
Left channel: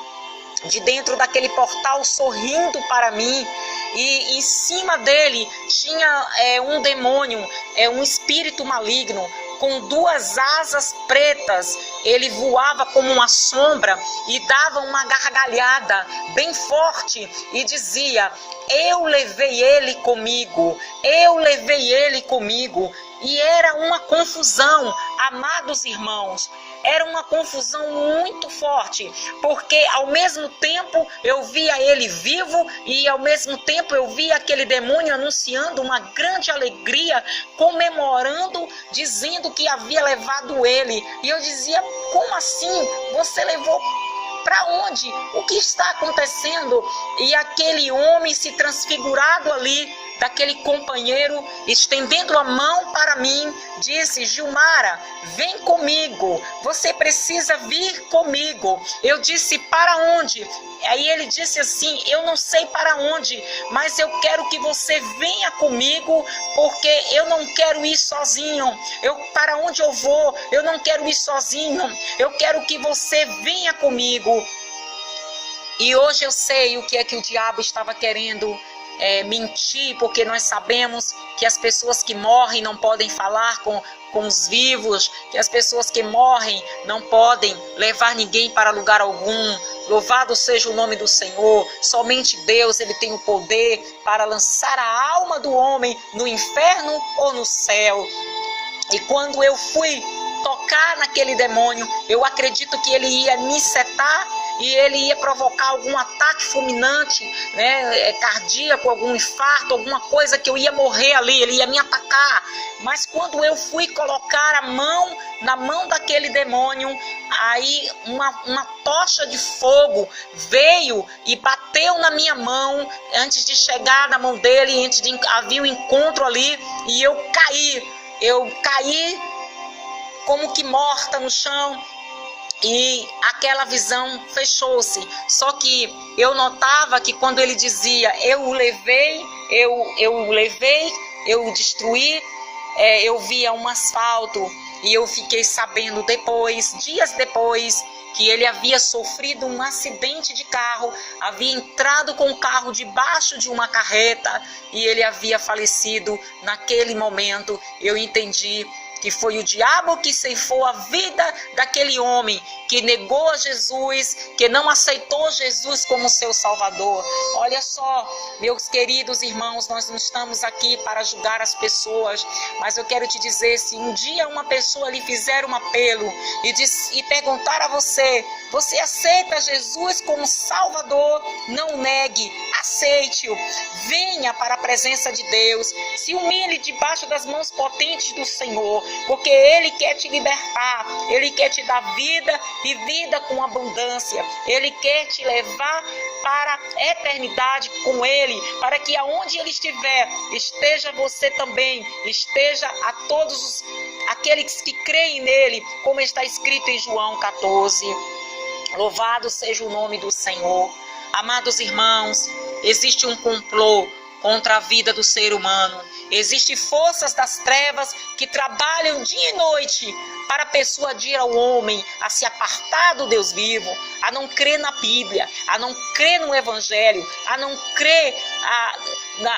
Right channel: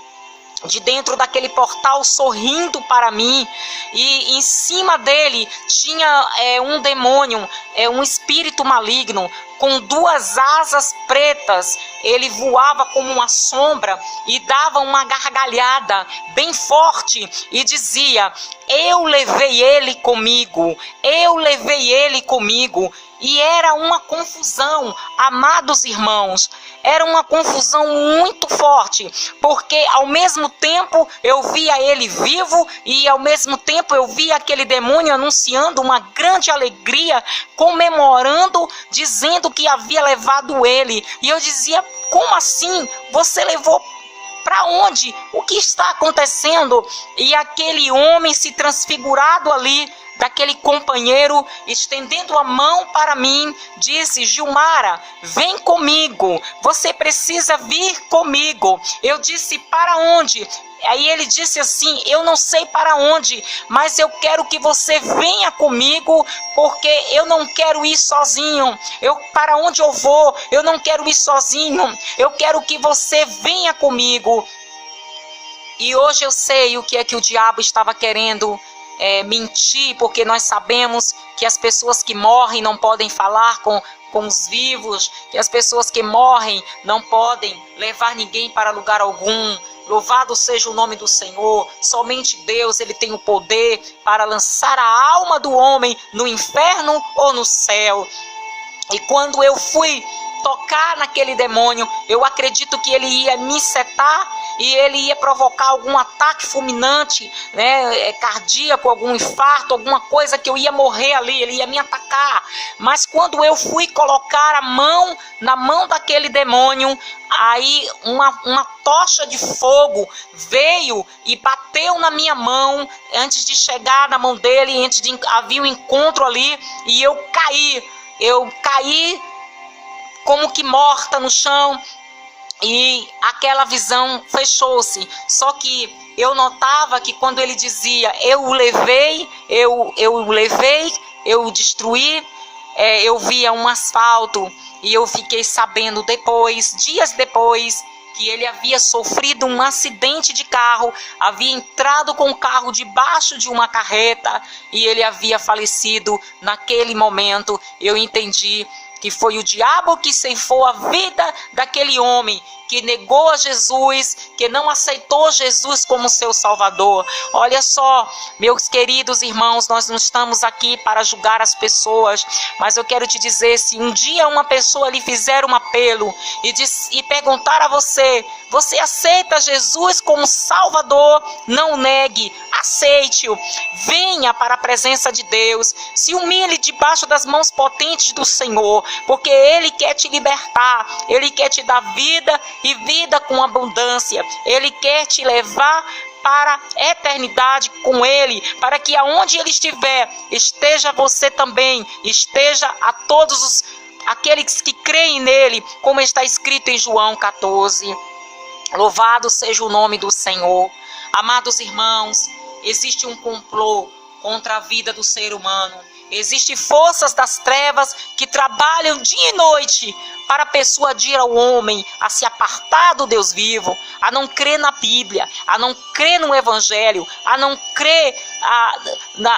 de dentro daquele portal, sorrindo para mim, e em cima dele tinha um demônio, um espírito maligno, com 2 asas pretas. Ele voava como uma sombra e dava uma gargalhada bem forte e dizia: eu levei ele comigo, eu levei ele comigo. E era uma confusão, amados irmãos, era uma confusão muito forte, porque ao mesmo tempo eu via ele vivo e ao mesmo tempo eu via aquele demônio anunciando uma grande alegria, comemorando, dizendo que havia levado ele. E eu dizia: como assim? Você levou para onde? O que está acontecendo? E aquele homem se transfigurado ali, daquele companheiro, estendendo a mão para mim, disse: Gilmara, vem comigo, você precisa vir comigo. Eu disse: para onde? Aí ele disse assim: eu não sei para onde, mas eu quero que você venha comigo, porque eu não quero ir sozinho. Para onde eu vou? Eu não quero ir sozinho, eu quero que você venha comigo. E hoje eu sei o que é que o diabo estava querendo mentir, porque nós sabemos que as pessoas que morrem não podem falar com os vivos, que as pessoas que morrem não podem levar ninguém para lugar algum. Louvado seja o nome do Senhor. Somente Deus, ele tem o poder para lançar a alma do homem no inferno ou no céu. E quando eu fui tocar naquele demônio, eu acredito que ele ia me setar e ele ia provocar algum ataque fulminante, cardíaco, algum infarto, alguma coisa, que eu ia morrer ali, ele ia me atacar. Mas quando eu fui colocar a mão na mão daquele demônio, aí uma tocha de fogo veio e bateu na minha mão antes de chegar na mão dele, havia um encontro ali, e eu caí como que morta no chão. E aquela visão fechou-se. Só que eu notava que quando ele dizia: eu o levei, eu o destruí, eu via um asfalto. E eu fiquei sabendo depois, dias depois, que ele havia sofrido um acidente de carro, havia entrado com o carro debaixo de uma carreta e ele havia falecido naquele momento. Eu entendi que foi o diabo que ceifou a vida daquele homem, que negou a Jesus, que não aceitou Jesus como seu Salvador. Olha só, meus queridos irmãos, nós não estamos aqui para julgar as pessoas, mas eu quero te dizer, se um dia uma pessoa lhe fizer um apelo e perguntar a você: você aceita Jesus como Salvador? Não negue, aceite-o. Venha para a presença de Deus, se humilhe debaixo das mãos potentes do Senhor, porque Ele quer te libertar, Ele quer te dar vida e vida com abundância. Ele quer te levar para a eternidade com Ele, para que aonde Ele estiver, esteja você também, esteja a todos aqueles que creem nele, como está escrito em João 14. Louvado seja o nome do Senhor. Amados irmãos, existe um complô contra a vida do ser humano. Existem forças das trevas que trabalham dia e noite para persuadir ao homem a se apartar do Deus vivo, a não crer na Bíblia, a não crer no Evangelho, a não crer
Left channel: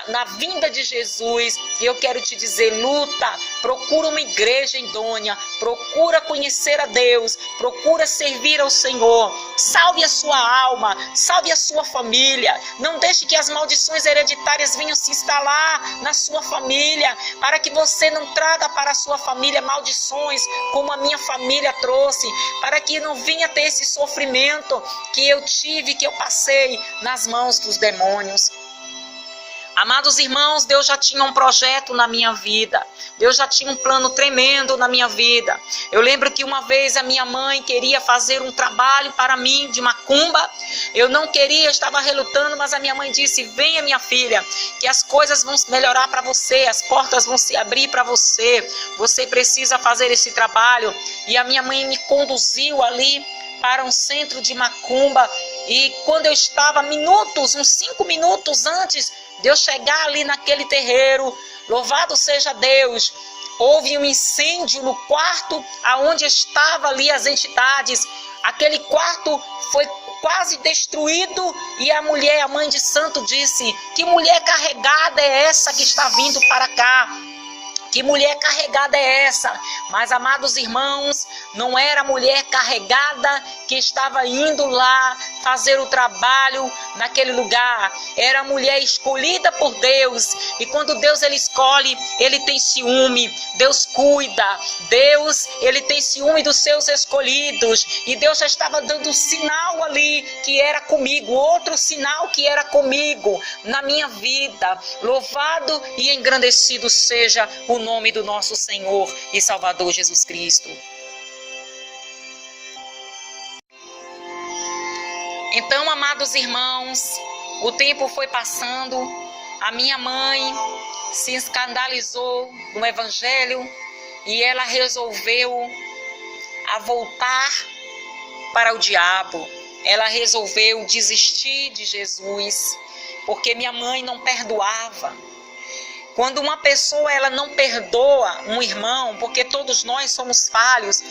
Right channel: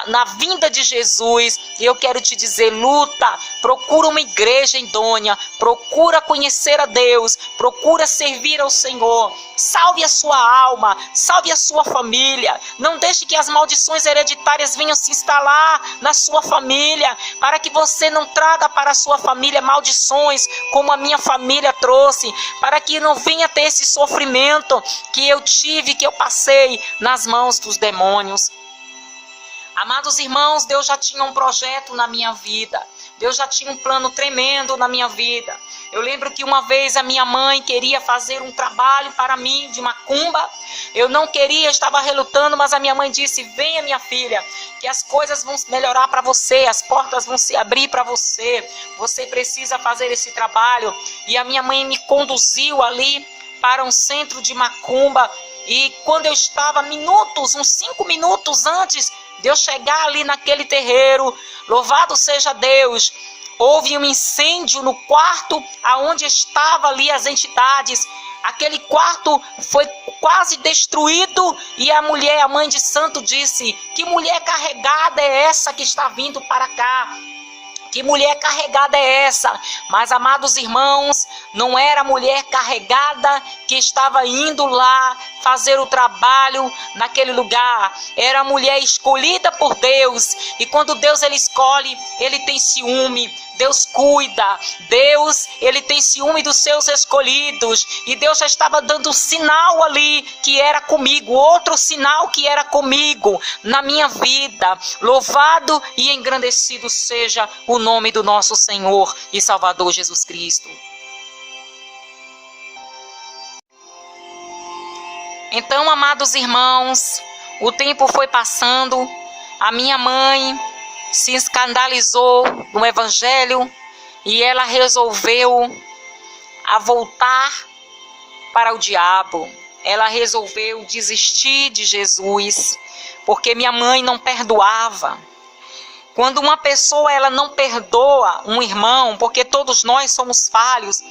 na vinda de Jesus. E eu quero te dizer, luta, procura uma igreja idônea, procura conhecer a Deus, procura servir ao Senhor, salve a sua alma, salve a sua família, não deixe que as maldições hereditárias venham se instalar na sua família, para que você não traga para a sua família maldições, como a minha família trouxe, para que não venha ter esse sofrimento que eu tive, que eu passei nas mãos dos demônios. Amados irmãos, Deus já tinha um projeto na minha vida. Deus já tinha um plano tremendo na minha vida. Eu lembro que uma vez a minha mãe queria fazer um trabalho para mim de macumba. Eu não queria, eu estava relutando, mas a minha mãe disse: venha, minha filha, que as coisas vão melhorar para você, as portas vão se abrir para você. Você precisa fazer esse trabalho. E a minha mãe me conduziu ali para um centro de macumba. E quando eu estava uns 5 minutos antes de eu chegar ali naquele terreiro, louvado seja Deus, houve um incêndio no quarto aonde estavam ali as entidades. Aquele quarto foi quase destruído e a mulher, a mãe de santo, disse: que mulher carregada é essa que está vindo para cá? Que mulher carregada é essa? Mas, amados irmãos, não era a mulher carregada que estava indo lá fazer o trabalho naquele lugar. Era a mulher escolhida por Deus. E quando Deus ele escolhe, ele tem ciúme. Deus cuida. Deus, ele tem ciúme dos seus escolhidos. E Deus já estava dando um sinal ali que era comigo. Outro sinal que era comigo na minha vida. Louvado e engrandecido seja o nome do nosso Senhor e Salvador Jesus Cristo. Então, amados irmãos, o tempo foi passando, a minha mãe se escandalizou no Evangelho e ela resolveu voltar para o diabo. Ela resolveu desistir de Jesus, porque minha mãe não perdoava. Quando uma pessoa ela não perdoa um irmão, porque todos nós somos falhos,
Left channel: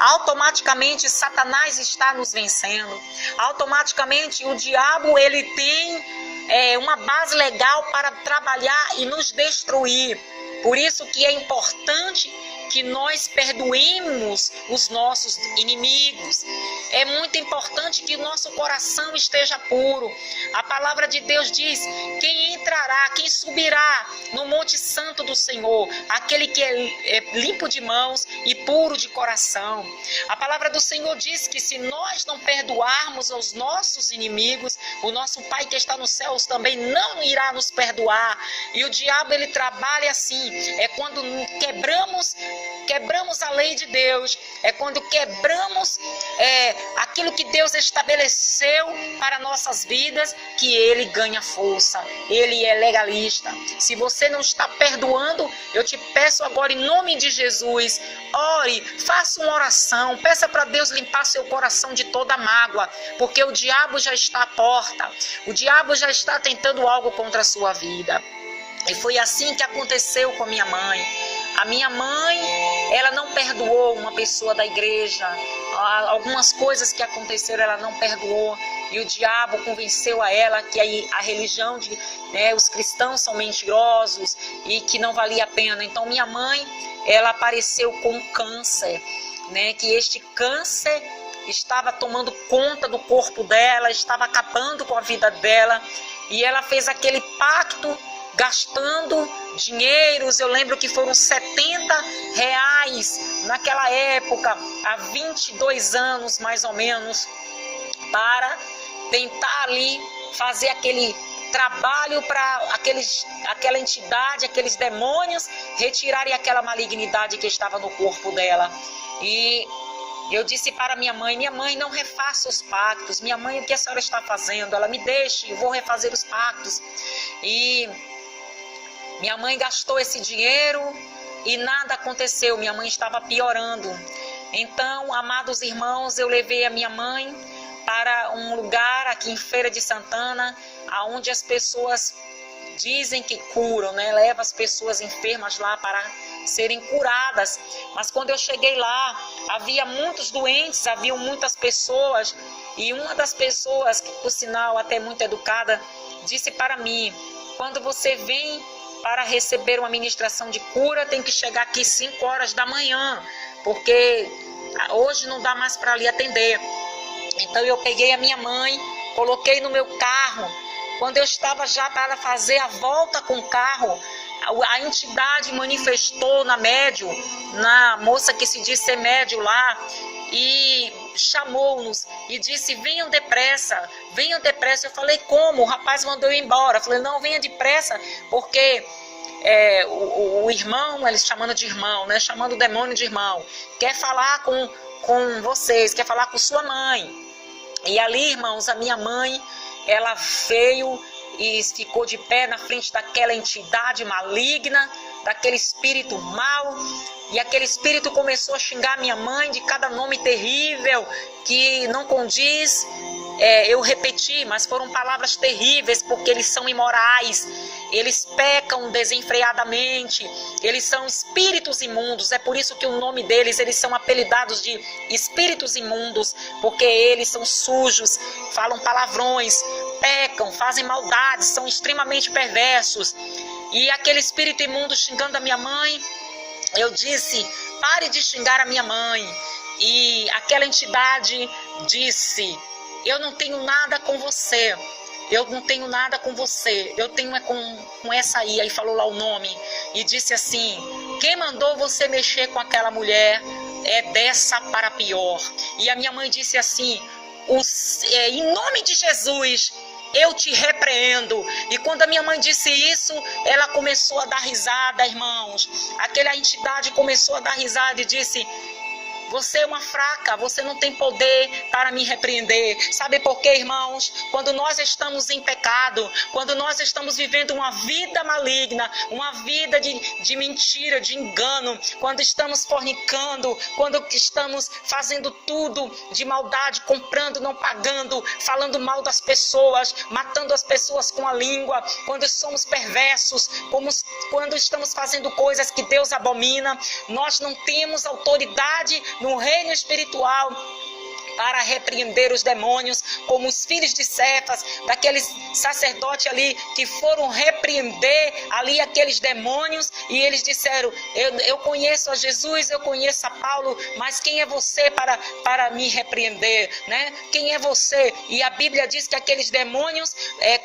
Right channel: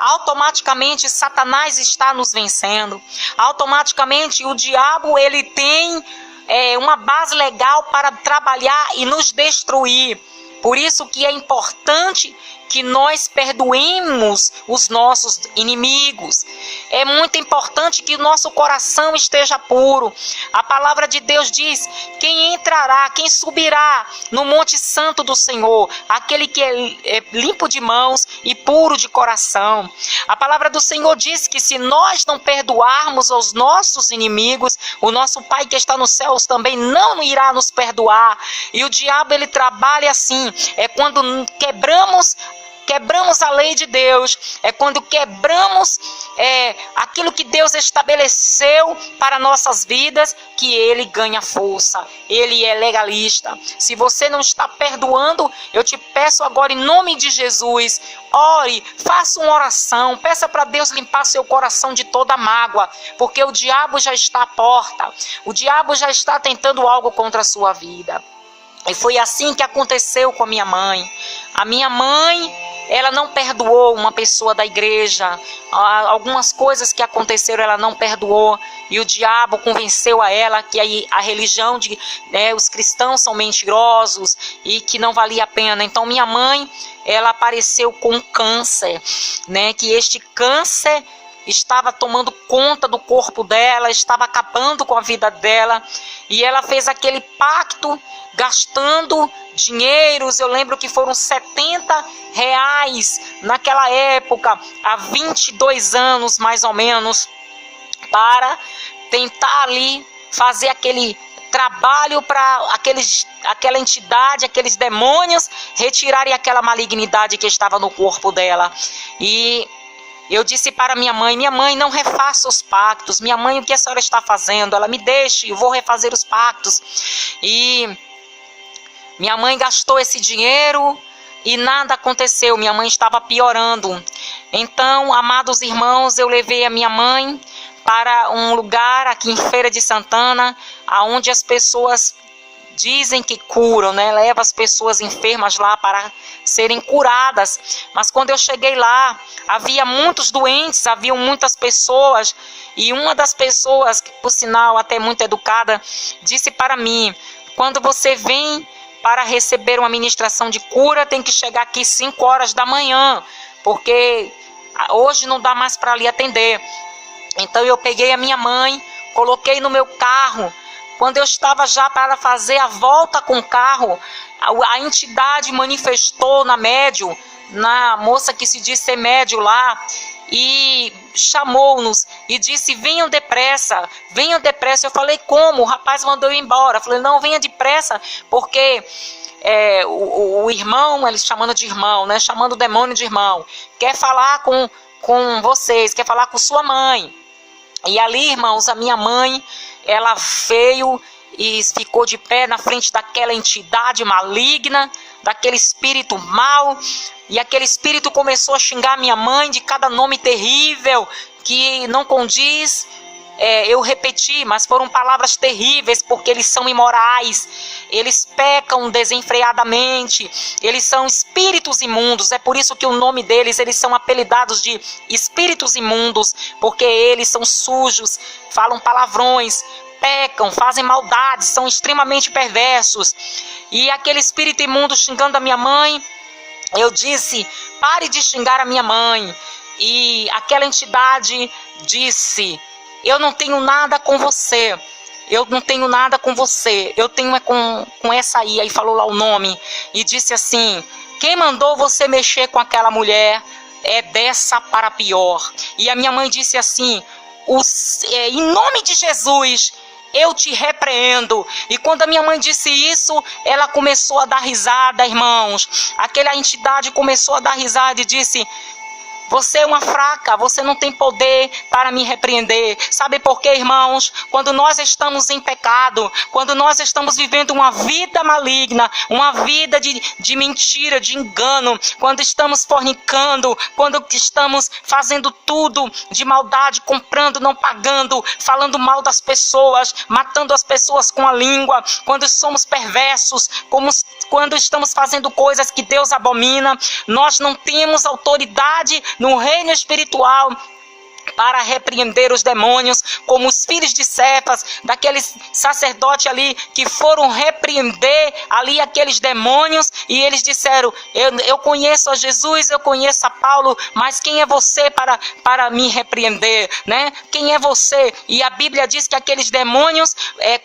automaticamente Satanás está nos vencendo. Automaticamente o diabo ele tem uma base legal para trabalhar e nos destruir. Por isso que é importante que nós perdoemos os nossos inimigos. É muito importante que o nosso coração esteja puro. A palavra de Deus diz: quem entrará, quem subirá no monte santo do Senhor? Aquele que é limpo de mãos e puro de coração. A palavra do Senhor diz que se nós não perdoarmos aos nossos inimigos, o nosso Pai que está nos céus também não irá nos perdoar. E o diabo ele trabalha assim, é quando quebramos a lei de Deus, é quando quebramos aquilo que Deus estabeleceu para nossas vidas, que ele ganha força, ele é legalista. Se você não está perdoando, eu te peço agora em nome de Jesus, ore, faça uma oração, peça para Deus limpar seu coração de toda mágoa, porque o diabo já está à porta, o diabo já está tentando algo contra a sua vida. E foi assim que aconteceu com a minha mãe. A minha mãe, ela não perdoou uma pessoa da igreja. Algumas coisas que aconteceram, ela não perdoou. E o diabo convenceu a ela que a religião de os cristãos são mentirosos e que não valia a pena. Então minha mãe, ela apareceu com câncer, que este câncer estava tomando conta do corpo dela, estava acabando com a vida dela. E ela fez aquele pacto, gastando dinheiros. Eu lembro que foram R$70 naquela época, há 22 anos mais ou menos, para tentar ali fazer aquele trabalho para aquela entidade, aqueles demônios retirarem aquela malignidade que estava no corpo dela. E eu disse para minha mãe: não refaça os pactos. Minha mãe, o que a senhora está fazendo? Ela: me deixe, eu vou refazer os pactos. E minha mãe gastou esse dinheiro e nada aconteceu. Minha mãe estava piorando. Então, amados irmãos, eu levei a minha mãe para um lugar aqui em Feira de Santana, aonde as pessoas dizem que curam, né? Leva as pessoas enfermas lá para serem curadas. Mas quando eu cheguei lá, havia muitos doentes, haviam muitas pessoas, e uma das pessoas, que por sinal até muito educada, disse para mim: quando você vem para receber uma ministração de cura, tem que chegar aqui 5 horas da manhã, porque hoje não dá mais para lhe atender. Então eu peguei a minha mãe, coloquei no meu carro. Quando eu estava já para fazer a volta com o carro, a entidade manifestou na médium, na moça que se diz ser médium lá, e chamou-nos e disse: venham depressa, venham depressa. Eu falei: como? O rapaz mandou eu ir embora. Eu falei: não, venha depressa, porque o irmão, ele chamando de irmão, né? Chamando o demônio de irmão, quer falar com vocês, quer falar com sua mãe. E ali, irmãos, a minha mãe, ela veio e ficou de pé na frente daquela entidade maligna, daquele espírito mau, e aquele espírito começou a xingar minha mãe de cada nome terrível que não condiz. Eu repeti, mas foram palavras terríveis, porque eles são imorais, eles pecam desenfreadamente, eles são espíritos imundos. É por isso que o nome deles, eles são apelidados de espíritos imundos, porque eles são sujos, falam palavrões, pecam, fazem maldades, são extremamente perversos. E aquele espírito imundo xingando a minha mãe, eu disse: pare de xingar a minha mãe. E aquela entidade disse: eu não tenho nada com você, eu não tenho nada com você, eu tenho com essa aí falou lá o nome, e disse assim: quem mandou você mexer com aquela mulher é dessa para pior. E a minha mãe disse assim: em nome de Jesus, eu te repreendo. E quando a minha mãe disse isso, ela começou a dar risada, irmãos. Aquela entidade começou a dar risada e disse: você é uma fraca, você não tem poder para me repreender. Sabe por quê, irmãos? Quando nós estamos em pecado, quando nós estamos vivendo uma vida maligna, uma vida de mentira, de engano, quando estamos fornicando, quando estamos fazendo tudo de maldade, comprando, não pagando, falando mal das pessoas, matando as pessoas com a língua, quando somos perversos, quando estamos fazendo coisas que Deus abomina, nós não temos autoridade no reino espiritual para repreender os demônios, como os filhos de Cefas, daqueles sacerdotes ali que foram repreender ali aqueles demônios, e eles disseram: eu conheço a Jesus, eu conheço a Paulo, mas quem é você para me repreender, né? Quem é você? E a Bíblia diz que aqueles demônios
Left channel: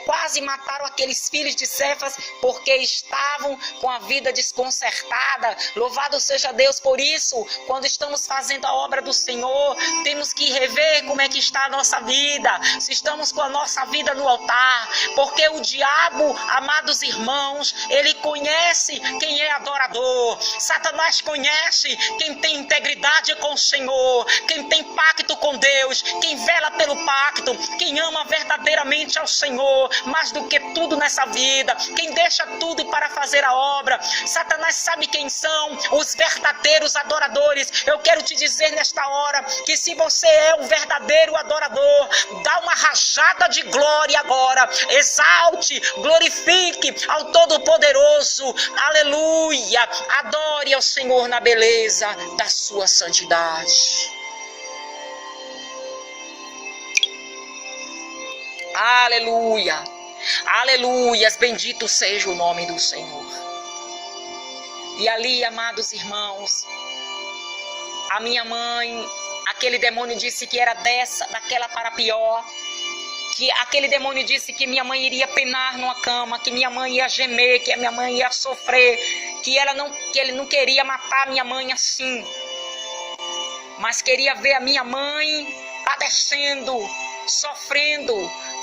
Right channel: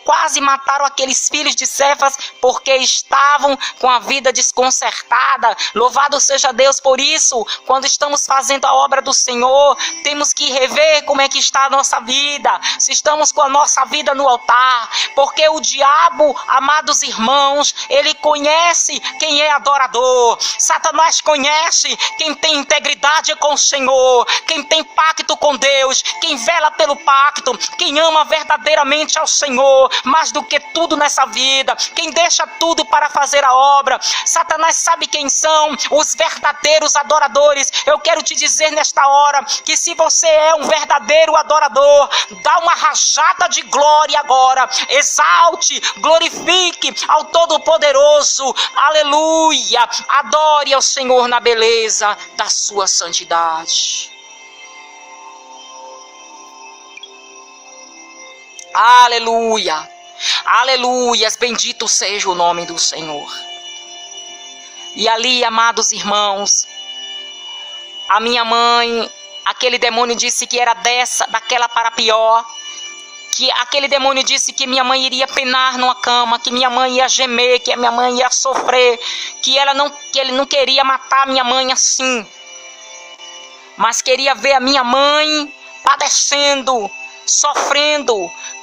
quase mataram aqueles filhos de Cefas, porque estavam com a vida desconcertada. Louvado seja Deus por isso. Quando estamos fazendo a obra do Senhor, temos que rever como é que está a nossa vida, se estamos com a nossa vida no altar, porque o diabo, amados irmãos, ele conhece quem é adorador. Satanás conhece quem tem integridade com o Senhor, quem tem pacto com Deus, quem vela pelo pacto, quem ama verdadeiramente ao Senhor, mais do que tudo nessa vida, quem deixa tudo para fazer a obra. Satanás sabe quem são os verdadeiros adoradores. Eu quero te dizer nesta hora que se você é um verdadeiro adorador, dá uma rajada de glória agora, exalte, glorifique ao Todo-Poderoso, aleluia, adore ao Senhor na beleza da sua santidade. Aleluia, aleluias, bendito seja o nome do Senhor. E ali, amados irmãos, a minha mãe, aquele demônio disse que era daquela para pior, que aquele demônio disse que minha mãe iria penar numa cama, que minha mãe ia gemer, que a minha mãe ia sofrer, que ele não queria matar minha mãe assim, mas queria ver a minha mãe padecendo, sofrendo,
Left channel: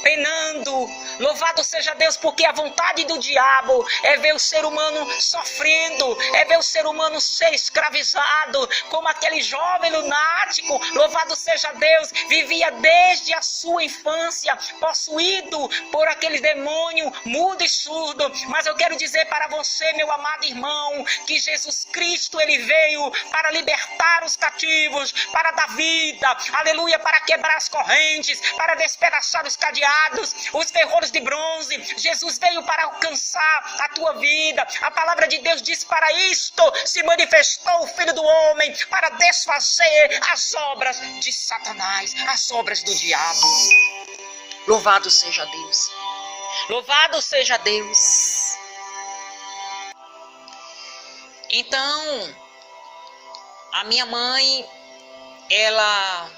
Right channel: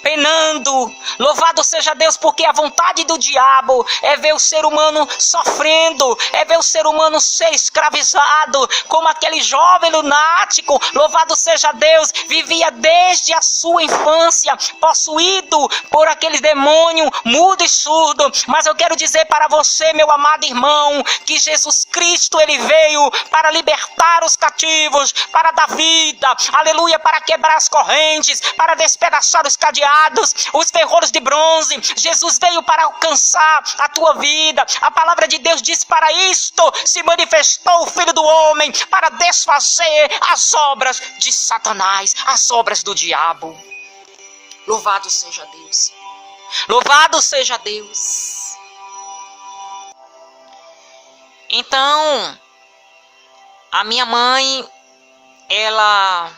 penando. Louvado seja Deus, porque a vontade do diabo é ver o ser humano sofrendo, é ver o ser humano ser escravizado, como aquele jovem lunático. Louvado seja Deus, vivia desde a sua infância possuído por aquele demônio mudo e surdo. Mas eu quero dizer para você, meu amado irmão, que Jesus Cristo, ele veio para libertar os cativos, para dar vida, aleluia, para quebrar as correntes, para despedaçar os cadeados, os ferrolhos de bronze. Jesus veio para alcançar a tua vida. A palavra de Deus diz: para isto se manifestou o Filho do Homem, para desfazer as obras de Satanás, as obras do diabo. Louvado seja Deus. Louvado seja Deus. Então, a minha mãe, ela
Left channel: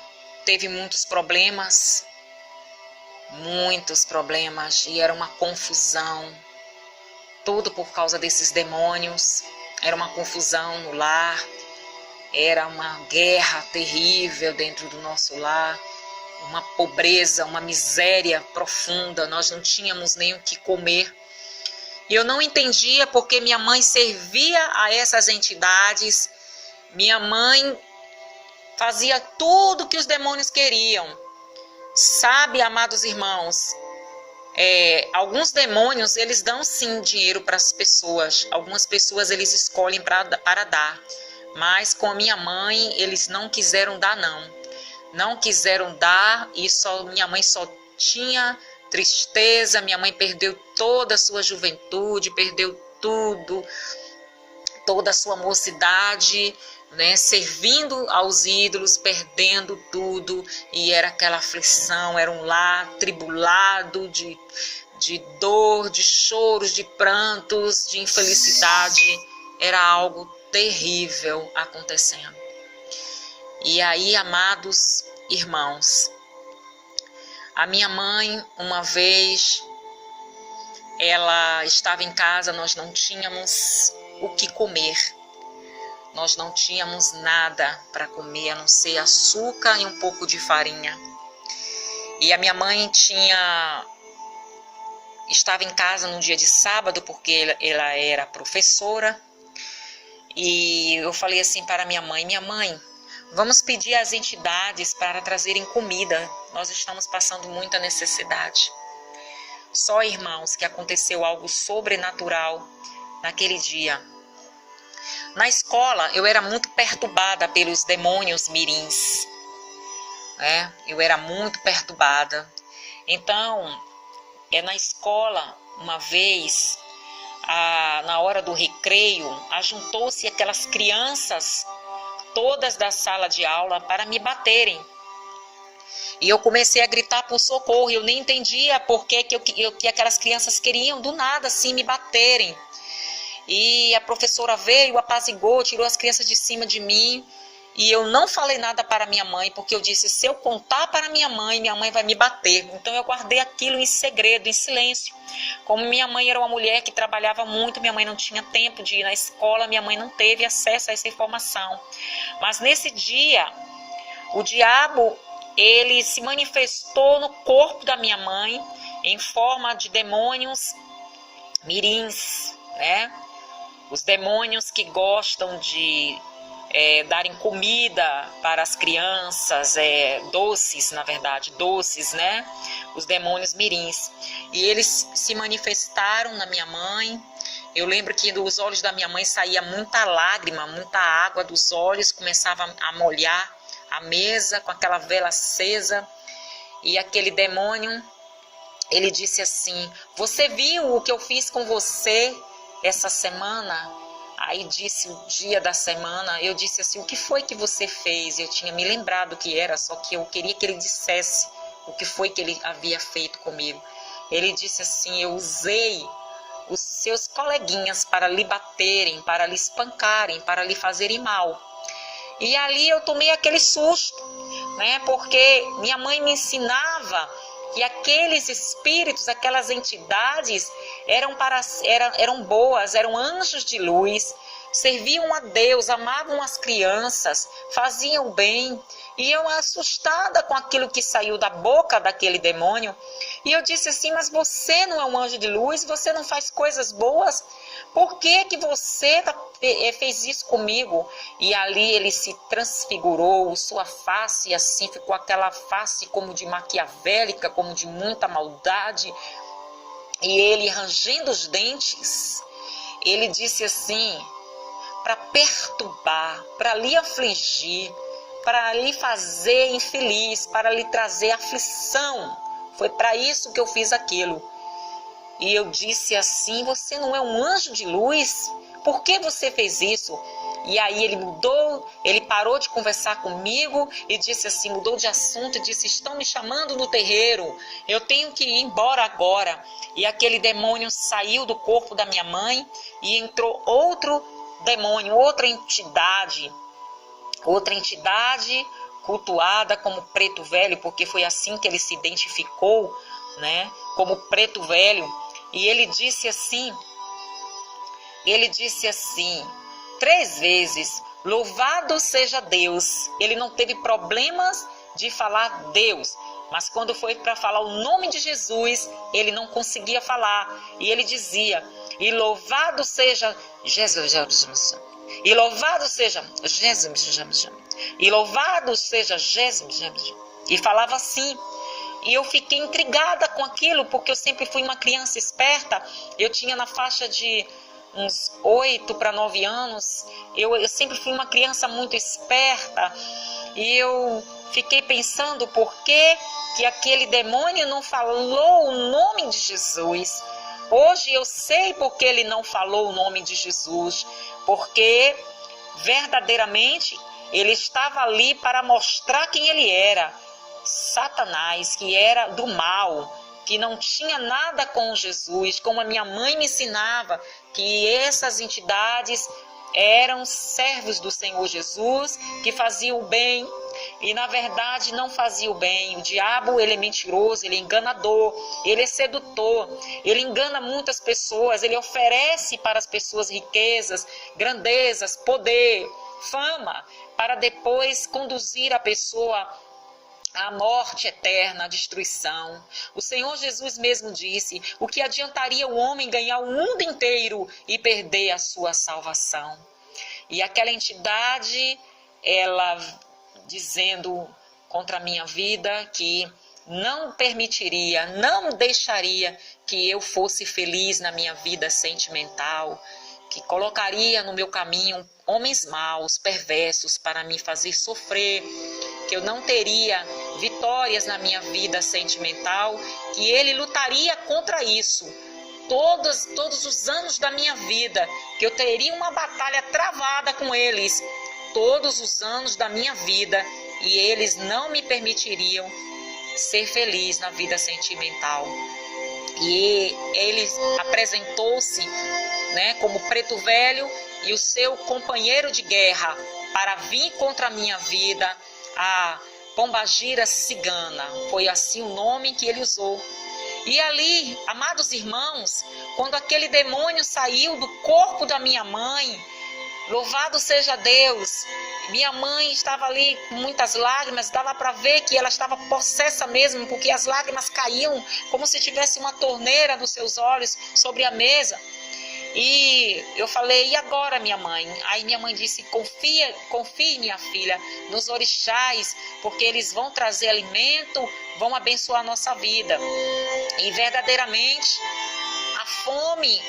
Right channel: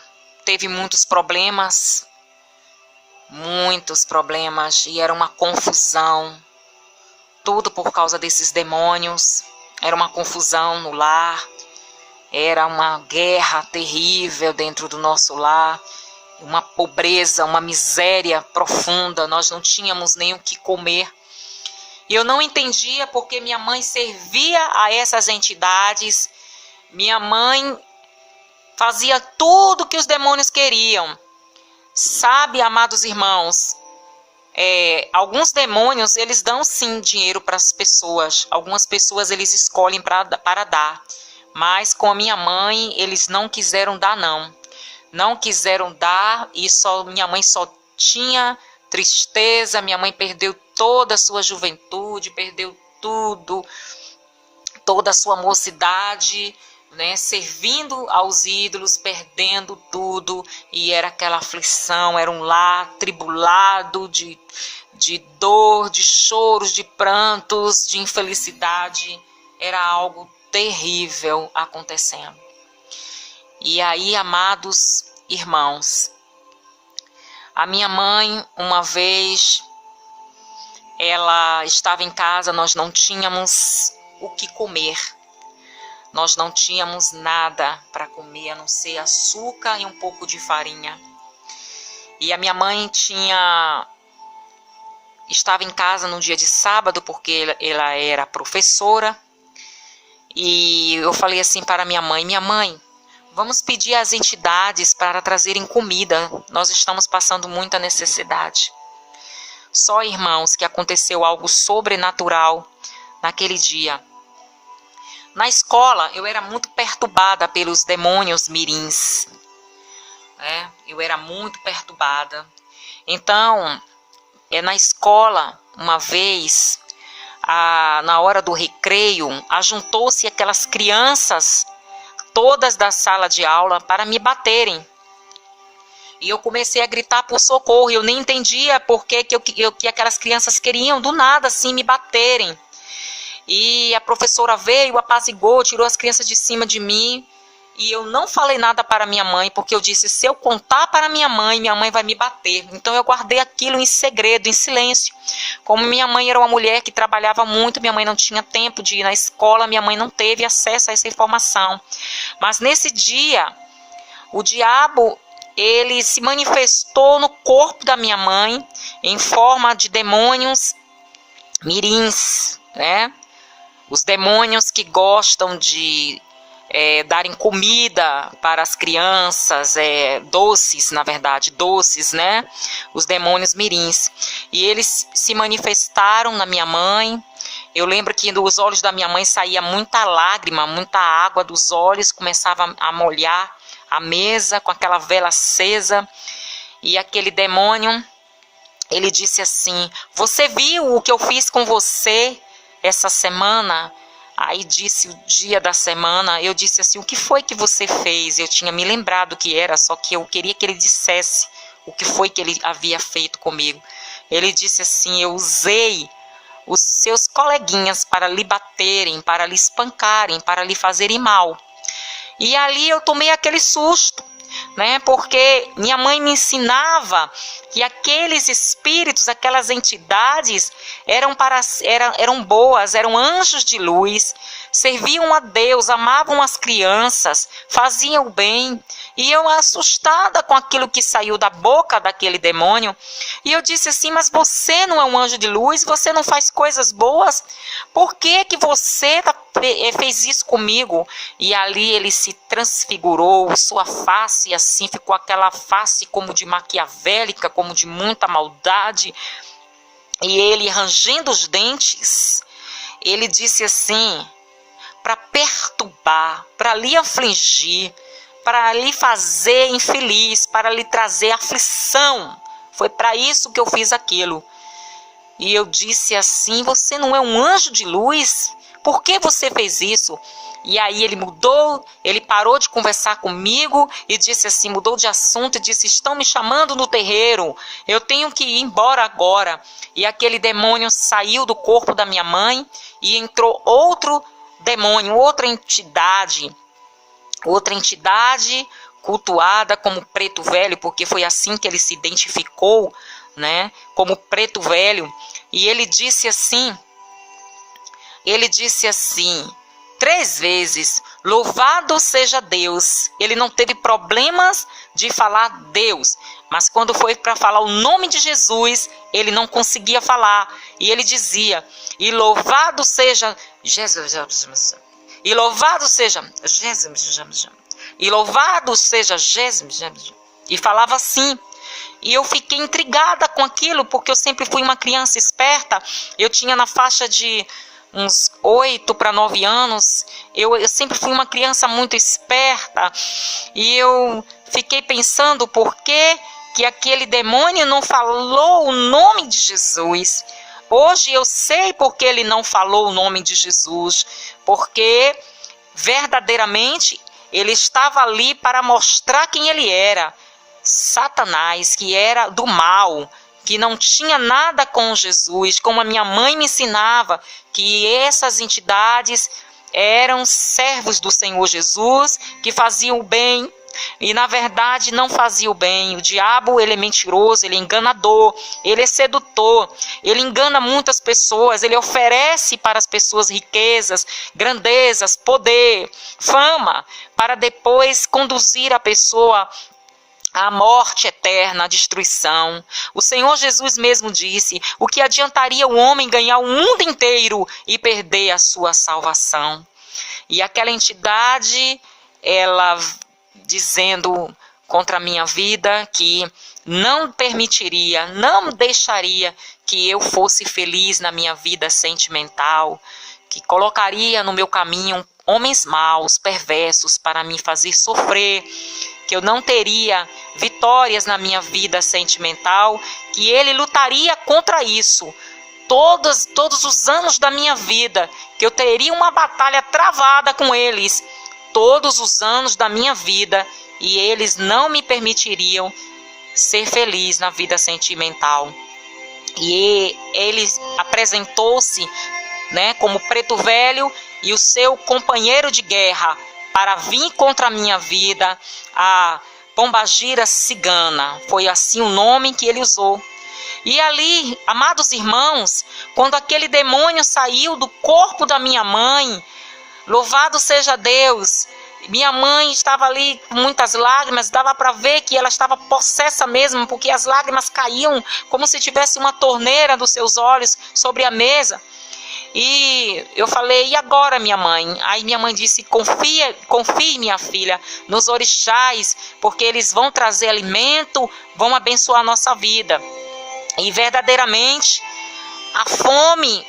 teve muitos problemas, e era uma confusão, tudo por causa desses demônios. Era uma confusão no lar, era uma guerra terrível dentro do nosso lar, uma pobreza, uma miséria profunda. Nós não tínhamos nem o que comer. E eu não entendia porque minha mãe servia a essas entidades. Minha mãe fazia tudo que os demônios queriam. Sabe, amados irmãos, alguns demônios, eles dão sim dinheiro para as pessoas. Algumas pessoas eles escolhem para dar. Mas com a minha mãe, eles não quiseram dar, não. Não quiseram dar, e minha mãe só tinha tristeza. Minha mãe perdeu toda a sua juventude, perdeu tudo, toda a sua mocidade, né, servindo aos ídolos, perdendo tudo. E era aquela aflição, era um lar tribulado de dor, de choros, de prantos, de infelicidade. Era algo terrível acontecendo. E aí, amados irmãos, a minha mãe, uma vez, ela estava em casa, nós não tínhamos o que comer. Nós não tínhamos nada para comer, a não ser açúcar e um pouco de farinha. E a minha mãe estava em casa no dia de sábado, porque ela era professora. E eu falei assim para minha mãe, vamos pedir às entidades para trazerem comida. Nós estamos passando muita necessidade. Só, irmãos, que aconteceu algo sobrenatural naquele dia. Na escola, eu era muito perturbada pelos demônios mirins. Eu era muito perturbada. Então, na escola, uma vez, na hora do recreio, ajuntou-se aquelas crianças, todas da sala de aula, para me baterem. E eu comecei a gritar por socorro. Eu nem entendia por que aquelas crianças queriam, do nada, assim, me baterem. E a professora veio, apaziguou, tirou as crianças de cima de mim. E eu não falei nada para minha mãe, porque eu disse: se eu contar para minha mãe vai me bater. Então eu guardei aquilo em segredo, em silêncio. Como minha mãe era uma mulher que trabalhava muito, minha mãe não tinha tempo de ir na escola, minha mãe não teve acesso a essa informação. Mas nesse dia, o diabo, ele se manifestou no corpo da minha mãe, em forma de demônios mirins, né? Os demônios que gostam de darem comida para as crianças, doces, na verdade, doces, né? Os demônios mirins. E eles se manifestaram na minha mãe. Eu lembro que dos olhos da minha mãe saía muita lágrima, muita água dos olhos, começava a molhar a mesa com aquela vela acesa. E aquele demônio, ele disse assim: você viu o que eu fiz com você essa semana? Aí disse o dia da semana, eu disse assim: o que foi que você fez? Eu tinha me lembrado o que era, só que eu queria que ele dissesse o que foi que ele havia feito comigo. Ele disse assim: eu usei os seus coleguinhas para lhe baterem, para lhe espancarem, para lhe fazerem mal. E ali eu tomei aquele susto, né? Porque minha mãe me ensinava que aqueles espíritos, aquelas entidades eram boas, eram anjos de luz, serviam a Deus, amavam as crianças, faziam o bem. E eu assustada com aquilo que saiu da boca daquele demônio. E eu disse assim, mas você não é um anjo de luz? Você não faz coisas boas? Por que que você fez isso comigo? E ali ele se transfigurou, sua face assim, ficou aquela face como de maquiavélica, como de muita maldade. E ele, rangendo os dentes, ele disse assim, para perturbar, para lhe afligir, para lhe fazer infeliz, para lhe trazer aflição. Foi para isso que eu fiz aquilo. E eu disse assim, você não é um anjo de luz? Por que você fez isso? E aí ele mudou, ele parou de conversar comigo e disse assim, mudou de assunto e disse, estão me chamando no terreiro, eu tenho que ir embora agora. E aquele demônio saiu do corpo da minha mãe e entrou outro demônio, outra entidade cultuada como preto velho, porque foi assim que ele se identificou, né, como preto velho. E ele disse assim 3 vezes, louvado seja Deus. Ele não teve problemas de falar Deus, mas quando foi para falar o nome de Jesus, ele não conseguia falar. E ele dizia, e louvado seja Jesus, e louvado seja Jesus, e louvado seja Jesus, e falava assim. E eu fiquei intrigada com aquilo, porque eu sempre fui uma criança esperta. Eu tinha na faixa de uns 8 para 9 anos, eu sempre fui uma criança muito esperta, e eu fiquei pensando por que aquele demônio não falou o nome de Jesus. Hoje eu sei porque ele não falou o nome de Jesus, porque verdadeiramente ele estava ali para mostrar quem ele era, Satanás, que era do mal, que não tinha nada com Jesus, como a minha mãe me ensinava, que essas entidades eram servos do Senhor Jesus, que faziam o bem, e na verdade não faziam o bem. O diabo, ele é mentiroso, ele é enganador, ele é sedutor, ele engana muitas pessoas, ele oferece para as pessoas riquezas, grandezas, poder, fama, para depois conduzir a pessoa a morte eterna, a destruição. O Senhor Jesus mesmo disse, o que adiantaria o homem ganhar o mundo inteiro e perder a sua salvação? E aquela entidade, ela dizendo contra a minha vida que não permitiria, não deixaria que eu fosse feliz na minha vida sentimental, que colocaria no meu caminho homens maus, perversos, para me fazer sofrer, que eu não teria vitórias na minha vida sentimental, que ele lutaria contra isso todos os anos da minha vida, que eu teria uma batalha travada com eles todos os anos da minha vida, e eles não me permitiriam ser feliz na vida sentimental. E ele apresentou-se, né, como preto velho e o seu companheiro de guerra para vir contra a minha vida, a pombagira cigana. Foi assim o nome que ele usou. E ali, amados irmãos, quando aquele demônio saiu do corpo da minha mãe, louvado seja Deus, minha mãe estava ali com muitas lágrimas, dava para ver que ela estava possessa mesmo, porque as lágrimas caíam como se tivesse uma torneira dos seus olhos sobre a mesa. E eu falei, e agora, minha mãe? Aí minha mãe disse, confie, minha filha, nos orixás, porque eles vão trazer alimento, vão abençoar a nossa vida. E verdadeiramente, a fome,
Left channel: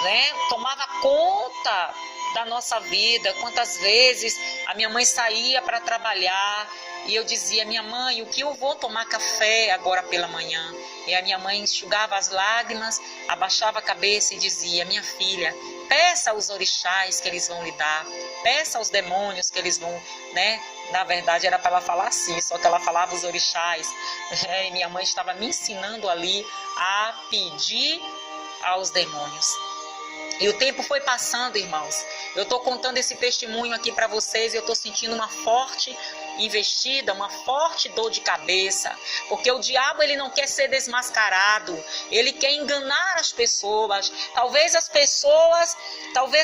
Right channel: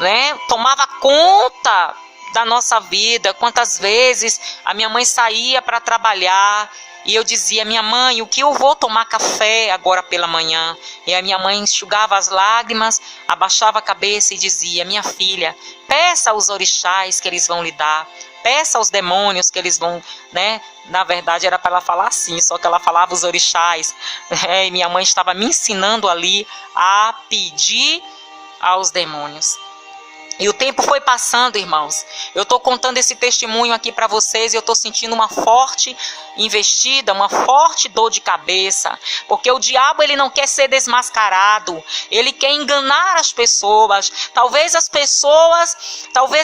né, tomava conta da nossa vida. Quantas vezes a minha mãe saía para trabalhar e eu dizia, minha mãe, o que eu vou tomar café agora pela manhã? E a minha mãe enxugava as lágrimas, abaixava a cabeça e dizia, minha filha, peça aos orixás que eles vão lhe dar, peça aos demônios que eles vão, né? Na verdade era para ela falar assim, só que ela falava os orixás, né? E minha mãe estava me ensinando ali a pedir aos demônios. E o tempo foi passando, irmãos. Eu estou contando esse testemunho aqui para vocês e eu estou sentindo uma forte investida, uma forte dor de cabeça, porque o diabo ele não quer ser desmascarado, ele quer enganar as pessoas. Talvez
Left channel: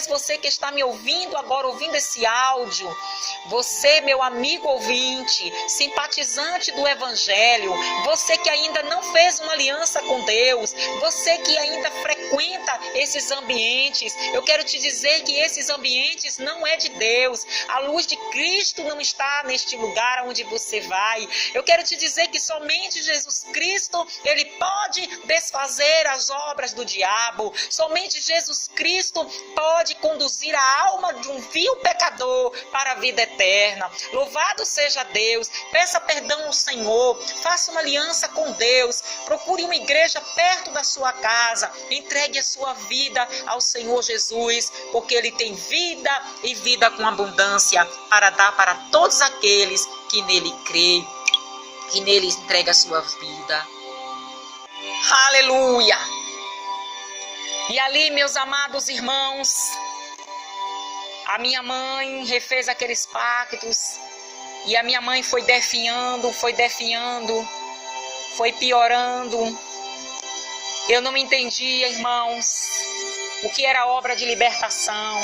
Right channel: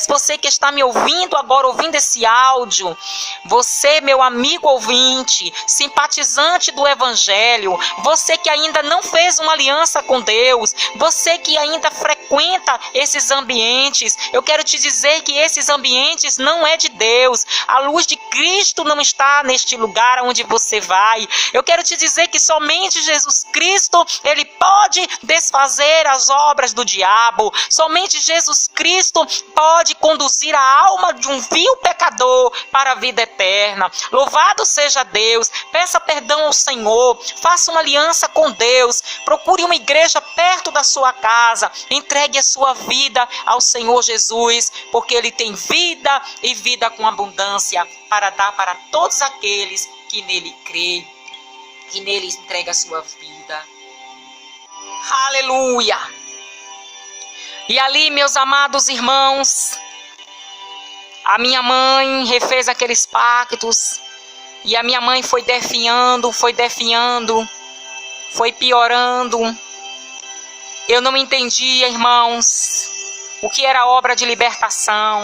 você que está me ouvindo agora, ouvindo esse áudio, você, meu amigo ouvinte, simpatizante do Evangelho, você que ainda não fez uma aliança com Deus, você que ainda frequenta esses ambientes, eu quero te dizer que esses ambientes não é de Deus. A luz de Cristo não está neste lugar onde você vai. Eu quero te dizer que somente Jesus Cristo, ele pode desfazer as obras do diabo. Somente Jesus Cristo pode conduzir a alma de um vil pecador para a vida eterna. Louvado seja Deus. Peça perdão ao Senhor. Faça uma aliança com Deus. Procure uma igreja perto da sua casa. Entregue a sua vida ao Senhor Jesus, porque ele tem vida e vida com abundância para dar para todos aqueles que nele crê, que nele entrega a sua vida. Aleluia! E ali, meus amados irmãos, a minha mãe refez aqueles pactos, e a minha mãe foi definhando, foi piorando. Eu não entendia, irmãos, o que era obra de libertação.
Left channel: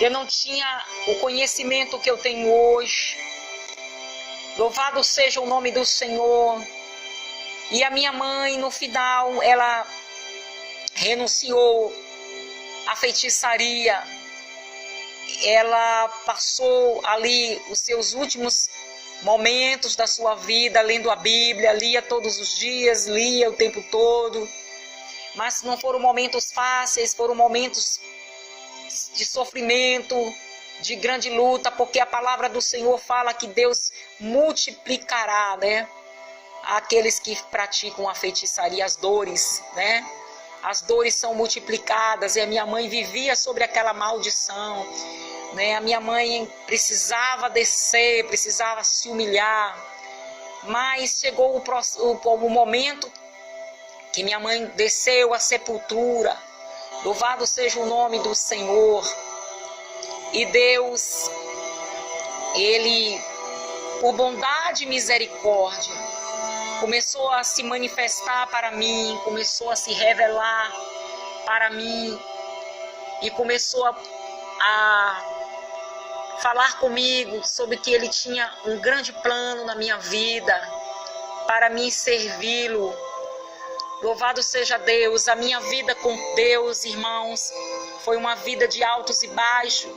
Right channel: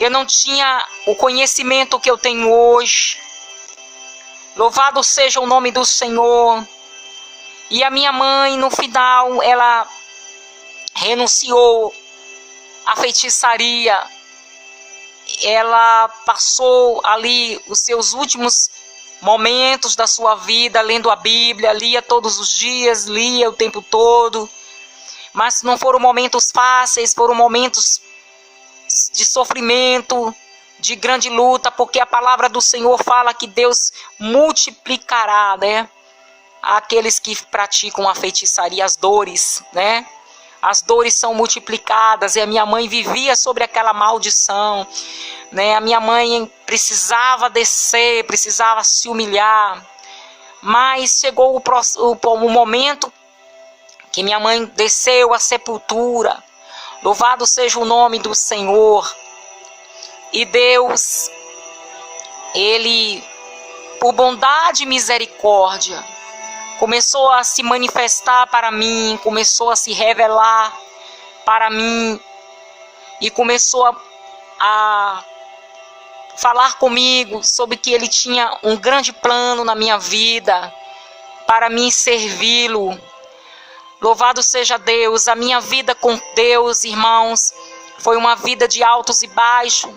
Eu não tinha o conhecimento que eu tenho hoje. Louvado seja o nome do Senhor. E a minha mãe, no final, ela renunciou à feitiçaria. Ela passou ali os seus últimos momentos da sua vida lendo a Bíblia, lia todos os dias, lia o tempo todo. Mas não foram momentos fáceis, foram momentos de sofrimento, de grande luta, porque a palavra do Senhor fala que Deus multiplicará, né, aqueles que praticam a feitiçaria, as dores, né? As dores são multiplicadas, e a minha mãe vivia sobre aquela maldição, né? A minha mãe precisava descer, precisava se humilhar, mas chegou o momento que minha mãe desceu à sepultura. Louvado seja o nome do Senhor. E Deus, ele, por bondade e misericórdia, começou a se manifestar para mim, começou a se revelar para mim, e começou a falar comigo sobre que ele tinha um grande plano na minha vida, para mim servi-lo. Louvado seja Deus. A minha vida com Deus, irmãos, foi uma vida de altos e baixos,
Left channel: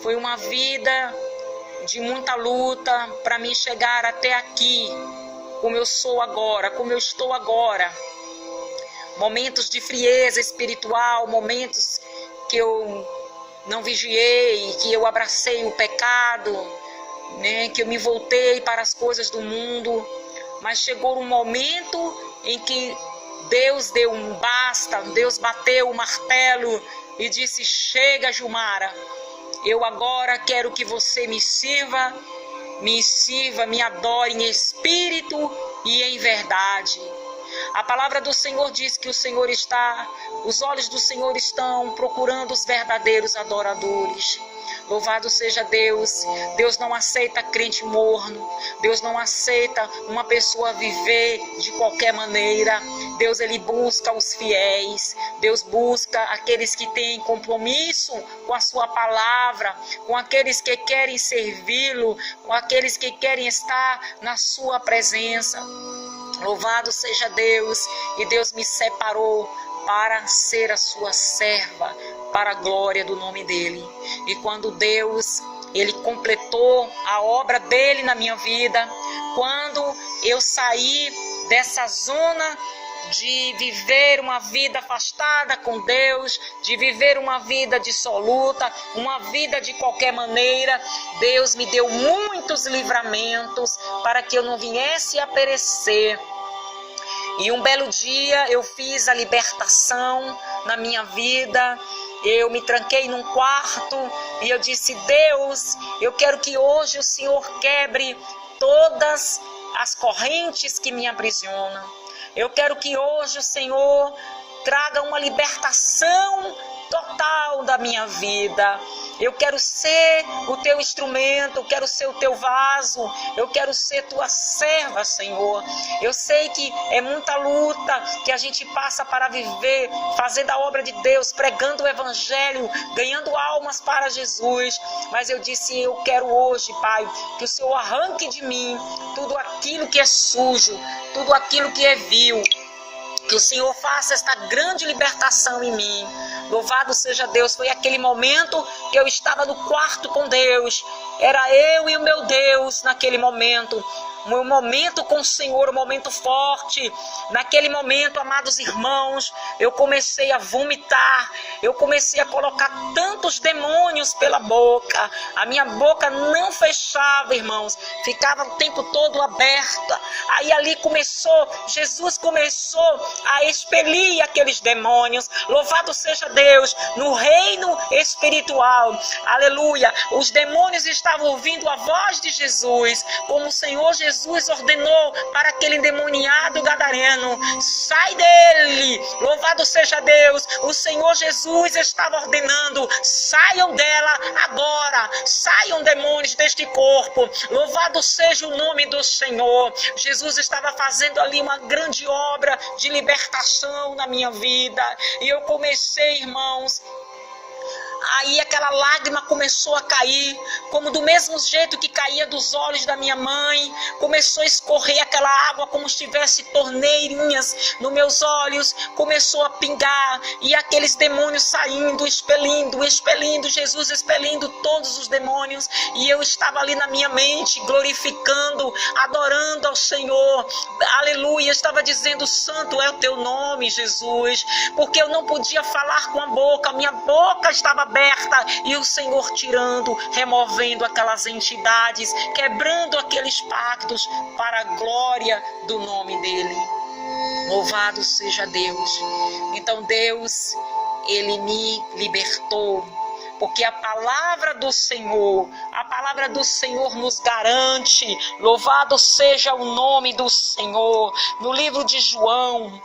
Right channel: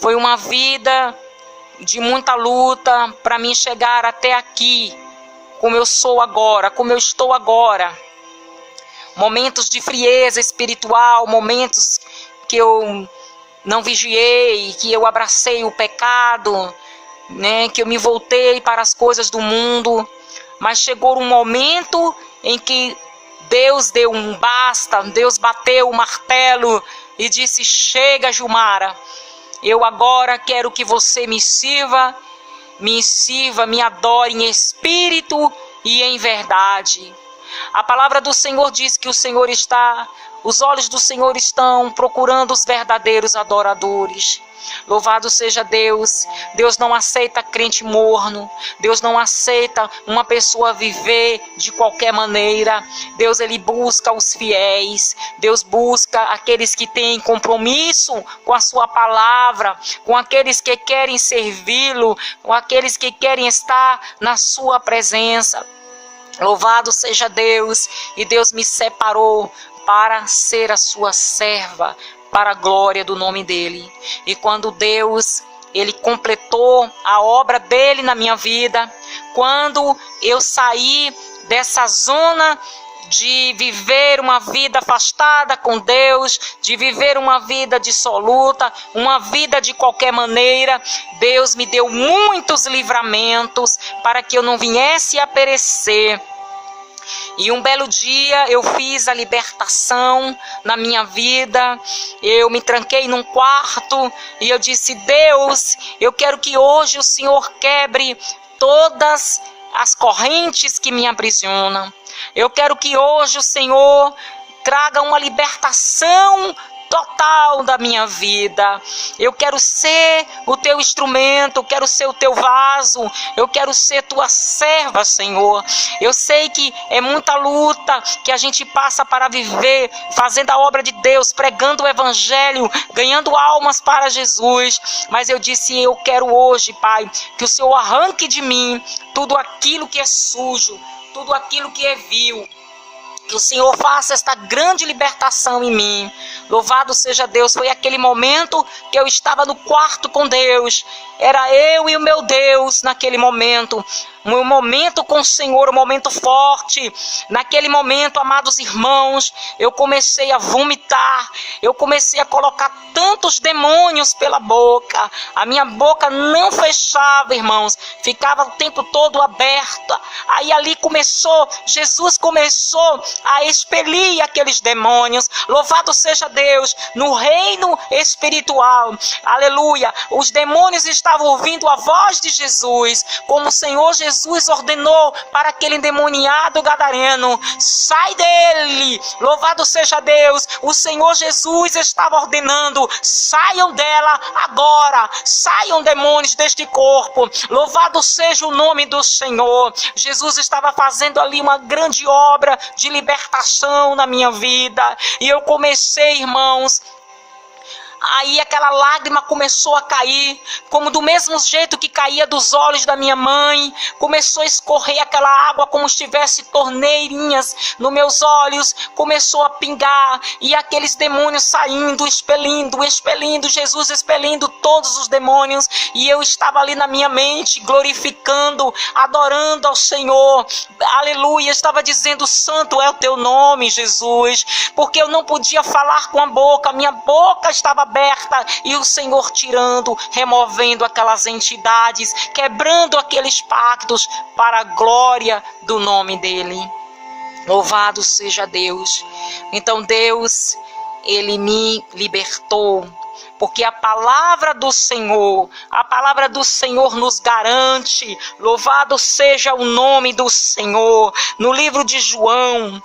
foi uma vida de muita luta para mim chegar até aqui, como eu sou agora, como eu estou agora. Momentos de frieza espiritual, momentos que eu não vigiei, que eu abracei o pecado, né, que eu me voltei para as coisas do mundo. Mas chegou um momento em que Deus deu um basta, Deus bateu o martelo e disse: chega, Gilmara, eu agora quero que você me sirva, me adore em espírito e em verdade. A palavra do Senhor diz que os olhos do Senhor estão procurando os verdadeiros adoradores. Louvado seja Deus. Deus não aceita crente morno. Deus não aceita uma pessoa viver de qualquer maneira. Deus, ele busca os fiéis. Deus busca aqueles que têm compromisso com a sua palavra, com aqueles que querem servi-lo, com aqueles que querem estar na sua presença. Louvado seja Deus. E Deus me separou para ser a sua serva, para a glória do nome dele. E quando Deus, ele completou a obra dele na minha vida, quando eu saí dessa zona de viver uma vida afastada com Deus, de viver uma vida dissoluta, uma vida de qualquer maneira, Deus me deu muitos livramentos para que eu não viesse a perecer. E um belo dia eu fiz a libertação na minha vida. Eu me tranquei num quarto e eu disse: Deus, eu quero que hoje o Senhor quebre todas as correntes que me aprisionam. Eu quero que hoje o Senhor traga uma libertação total da minha vida. Eu quero ser o teu instrumento, eu quero ser o teu vaso, eu quero ser tua serva, Senhor. Eu sei que é muita luta que a gente passa para viver, fazendo a obra de Deus, pregando o evangelho, ganhando almas para Jesus. Mas eu disse, eu quero hoje, Pai, que o Senhor arranque de mim tudo aquilo que é sujo, tudo aquilo que é vil. Que o Senhor faça esta grande libertação em mim. Louvado seja Deus. Foi aquele momento que eu estava no quarto com Deus. Era eu e o meu Deus naquele momento. Um momento com o Senhor, um momento forte. Naquele momento, amados irmãos, eu comecei a vomitar. Eu comecei a colocar tantos demônios pela boca. A minha boca não fechava, irmãos. Ficava o tempo todo aberta. Aí ali Jesus começou a expelir aqueles demônios. Louvado seja Deus. No reino espiritual, aleluia, os demônios estavam ouvindo a voz de Jesus, como o Senhor Jesus ordenou para aquele endemoniado gadareno: sai dele. Louvado seja Deus. O Senhor Jesus estava ordenando: saiam dela agora, saiam demônios deste corpo. Louvado seja o nome do Senhor. Jesus estava fazendo ali uma grande obra de libertação na minha vida. E eu comecei, irmãos, aí aquela lágrima começou a cair, como do mesmo jeito que caía dos olhos da minha mãe. Começou a escorrer aquela água como se tivesse torneirinhas nos meus olhos. Começou a pingar e aqueles demônios saindo, expelindo, Jesus expelindo todos os demônios. E eu estava ali na minha mente, glorificando, adorando ao Senhor. Aleluia, estava dizendo: santo é o teu nome, Jesus. Porque eu não podia falar com a boca, minha boca estava aberta, e o Senhor tirando, removendo aquelas entidades, quebrando aqueles pactos para a glória do nome dele. Louvado seja Deus. Então Deus, ele me libertou, porque a palavra do Senhor nos garante. Louvado seja o nome do Senhor. No livro de João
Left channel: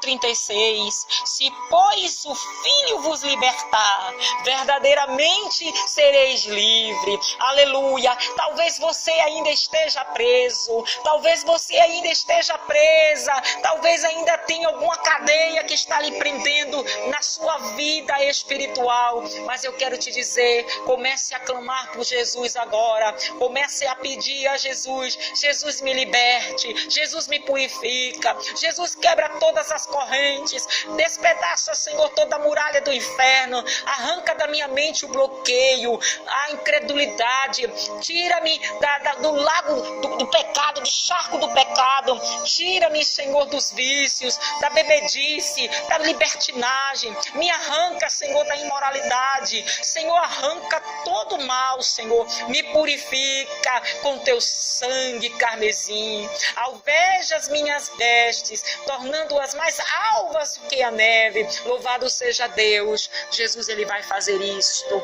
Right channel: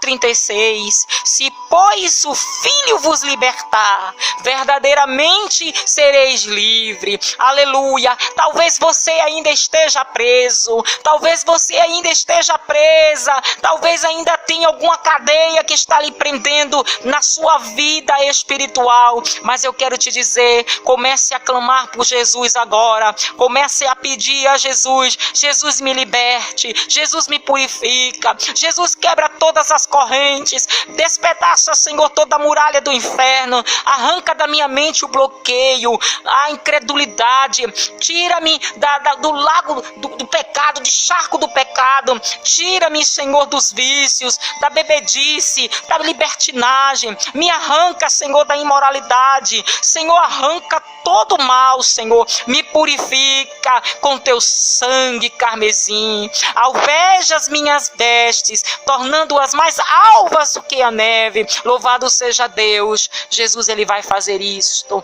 36, se pois o Filho vos libertar, verdadeiramente sereis livre. Aleluia. Talvez você ainda esteja preso, talvez você ainda esteja presa, talvez ainda tenha alguma cadeia que está lhe prendendo na sua vida espiritual. Mas eu quero te dizer, comece a clamar por Jesus agora. Comece a pedir a Jesus: Jesus, me liberte, Jesus, me purifica, Jesus, quebra todas as correntes, despedaça, Senhor, toda a muralha do inferno, arranca da minha mente o bloqueio, a incredulidade, tira-me do lago do pecado, do charco do pecado, tira-me, Senhor, dos vícios, da bebedice, da libertinagem, me arranca, Senhor, da imoralidade. Senhor, arranca todo o mal, Senhor, me purifica com teu sangue carmesim, alveja as minhas vestes, tornando-as mais alvas do que a neve. Louvado seja Deus. Jesus, ele vai fazer isto.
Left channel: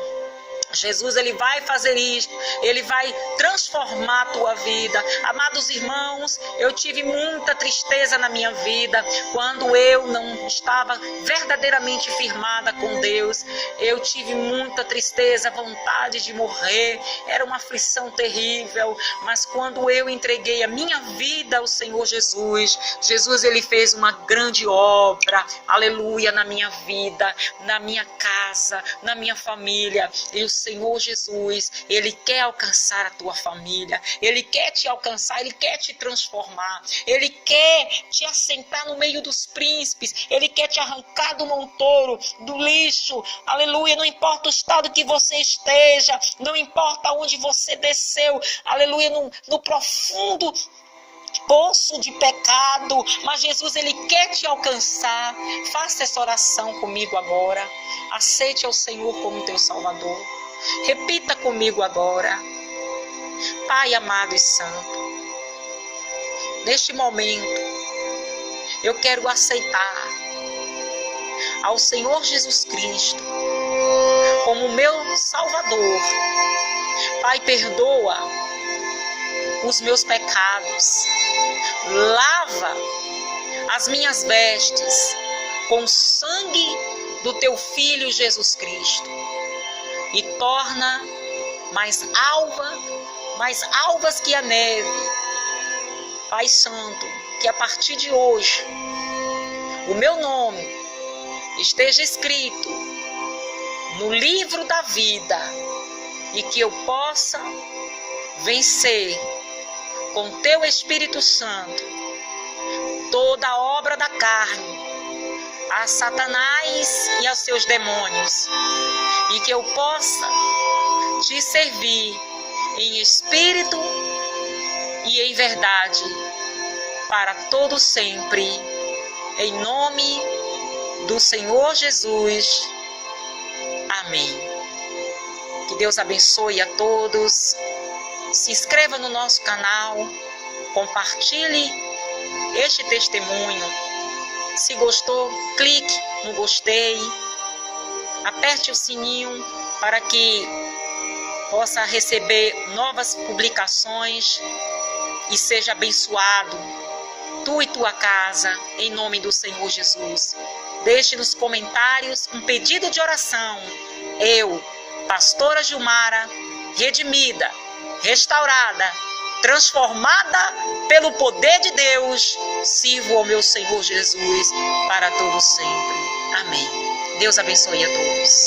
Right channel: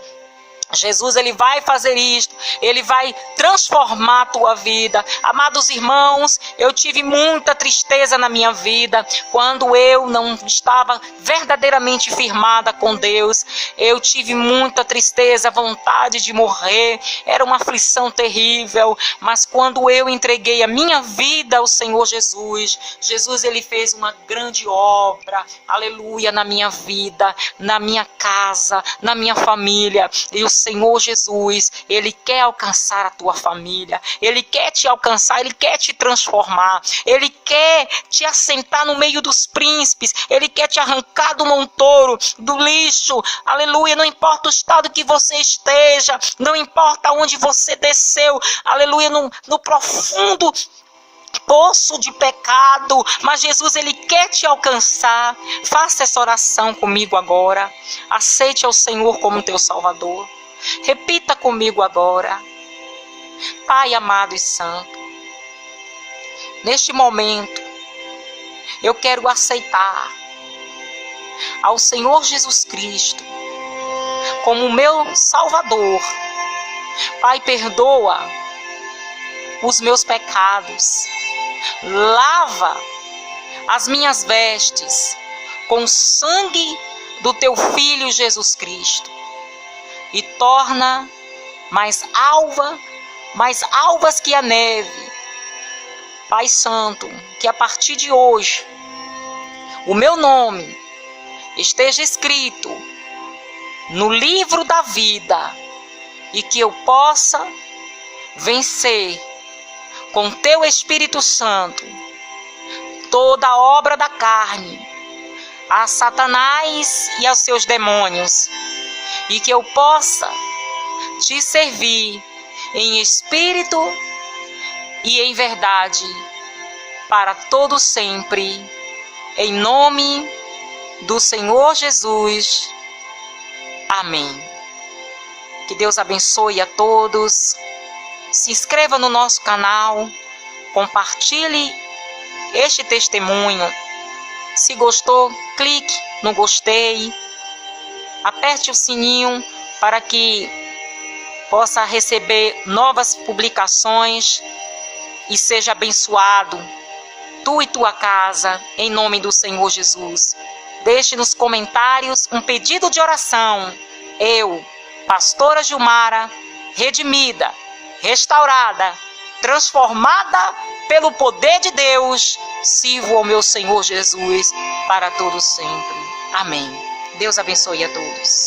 Jesus, ele vai fazer isto, ele vai transformar a tua vida. Amados irmãos, eu tive muita tristeza na minha vida, quando eu não estava verdadeiramente firmada com Deus. Eu tive muita tristeza, vontade de morrer, era uma aflição terrível. Mas quando eu entreguei a minha vida ao Senhor Jesus, Jesus, ele fez uma grande obra, aleluia, na minha vida, na minha casa, na minha família. E o Senhor Jesus, ele quer alcançar a tua família, ele quer te alcançar, ele quer te transformar, ele quer te assentar no meio dos príncipes, ele quer te arrancar do montouro, do lixo, aleluia. Não importa o estado que você esteja, não importa onde você desceu, aleluia, no profundo poço de pecado, mas Jesus, ele quer te alcançar. Faça essa oração comigo agora. Aceite ao Senhor como teu Salvador. Repita comigo agora: Pai amado e santo, neste momento eu quero aceitar ao Senhor Jesus Cristo como meu Salvador. Pai, perdoa os meus pecados, lava as minhas vestes com o sangue do teu Filho Jesus Cristo e torna mais alvas que a neve. Pai Santo, que a partir de hoje o meu nome esteja escrito no livro da vida e que eu possa vencer com teu Espírito Santo toda a obra da carne, a Satanás e aos seus demônios, e que eu possa te servir em espírito e em verdade para todo sempre, em nome do Senhor Jesus. Amém. Que Deus abençoe a todos. Se inscreva no nosso canal, compartilhe este testemunho. Se gostou, clique no gostei, aperte o sininho para que possa receber novas publicações e seja abençoado, tu e tua casa, em nome do Senhor Jesus. Deixe nos comentários um pedido de oração. Eu, pastora Gilmara, redimida, restaurada, transformada pelo poder de Deus, sirvo ao meu Senhor Jesus para todo sempre. Amém. Deus abençoe a todos.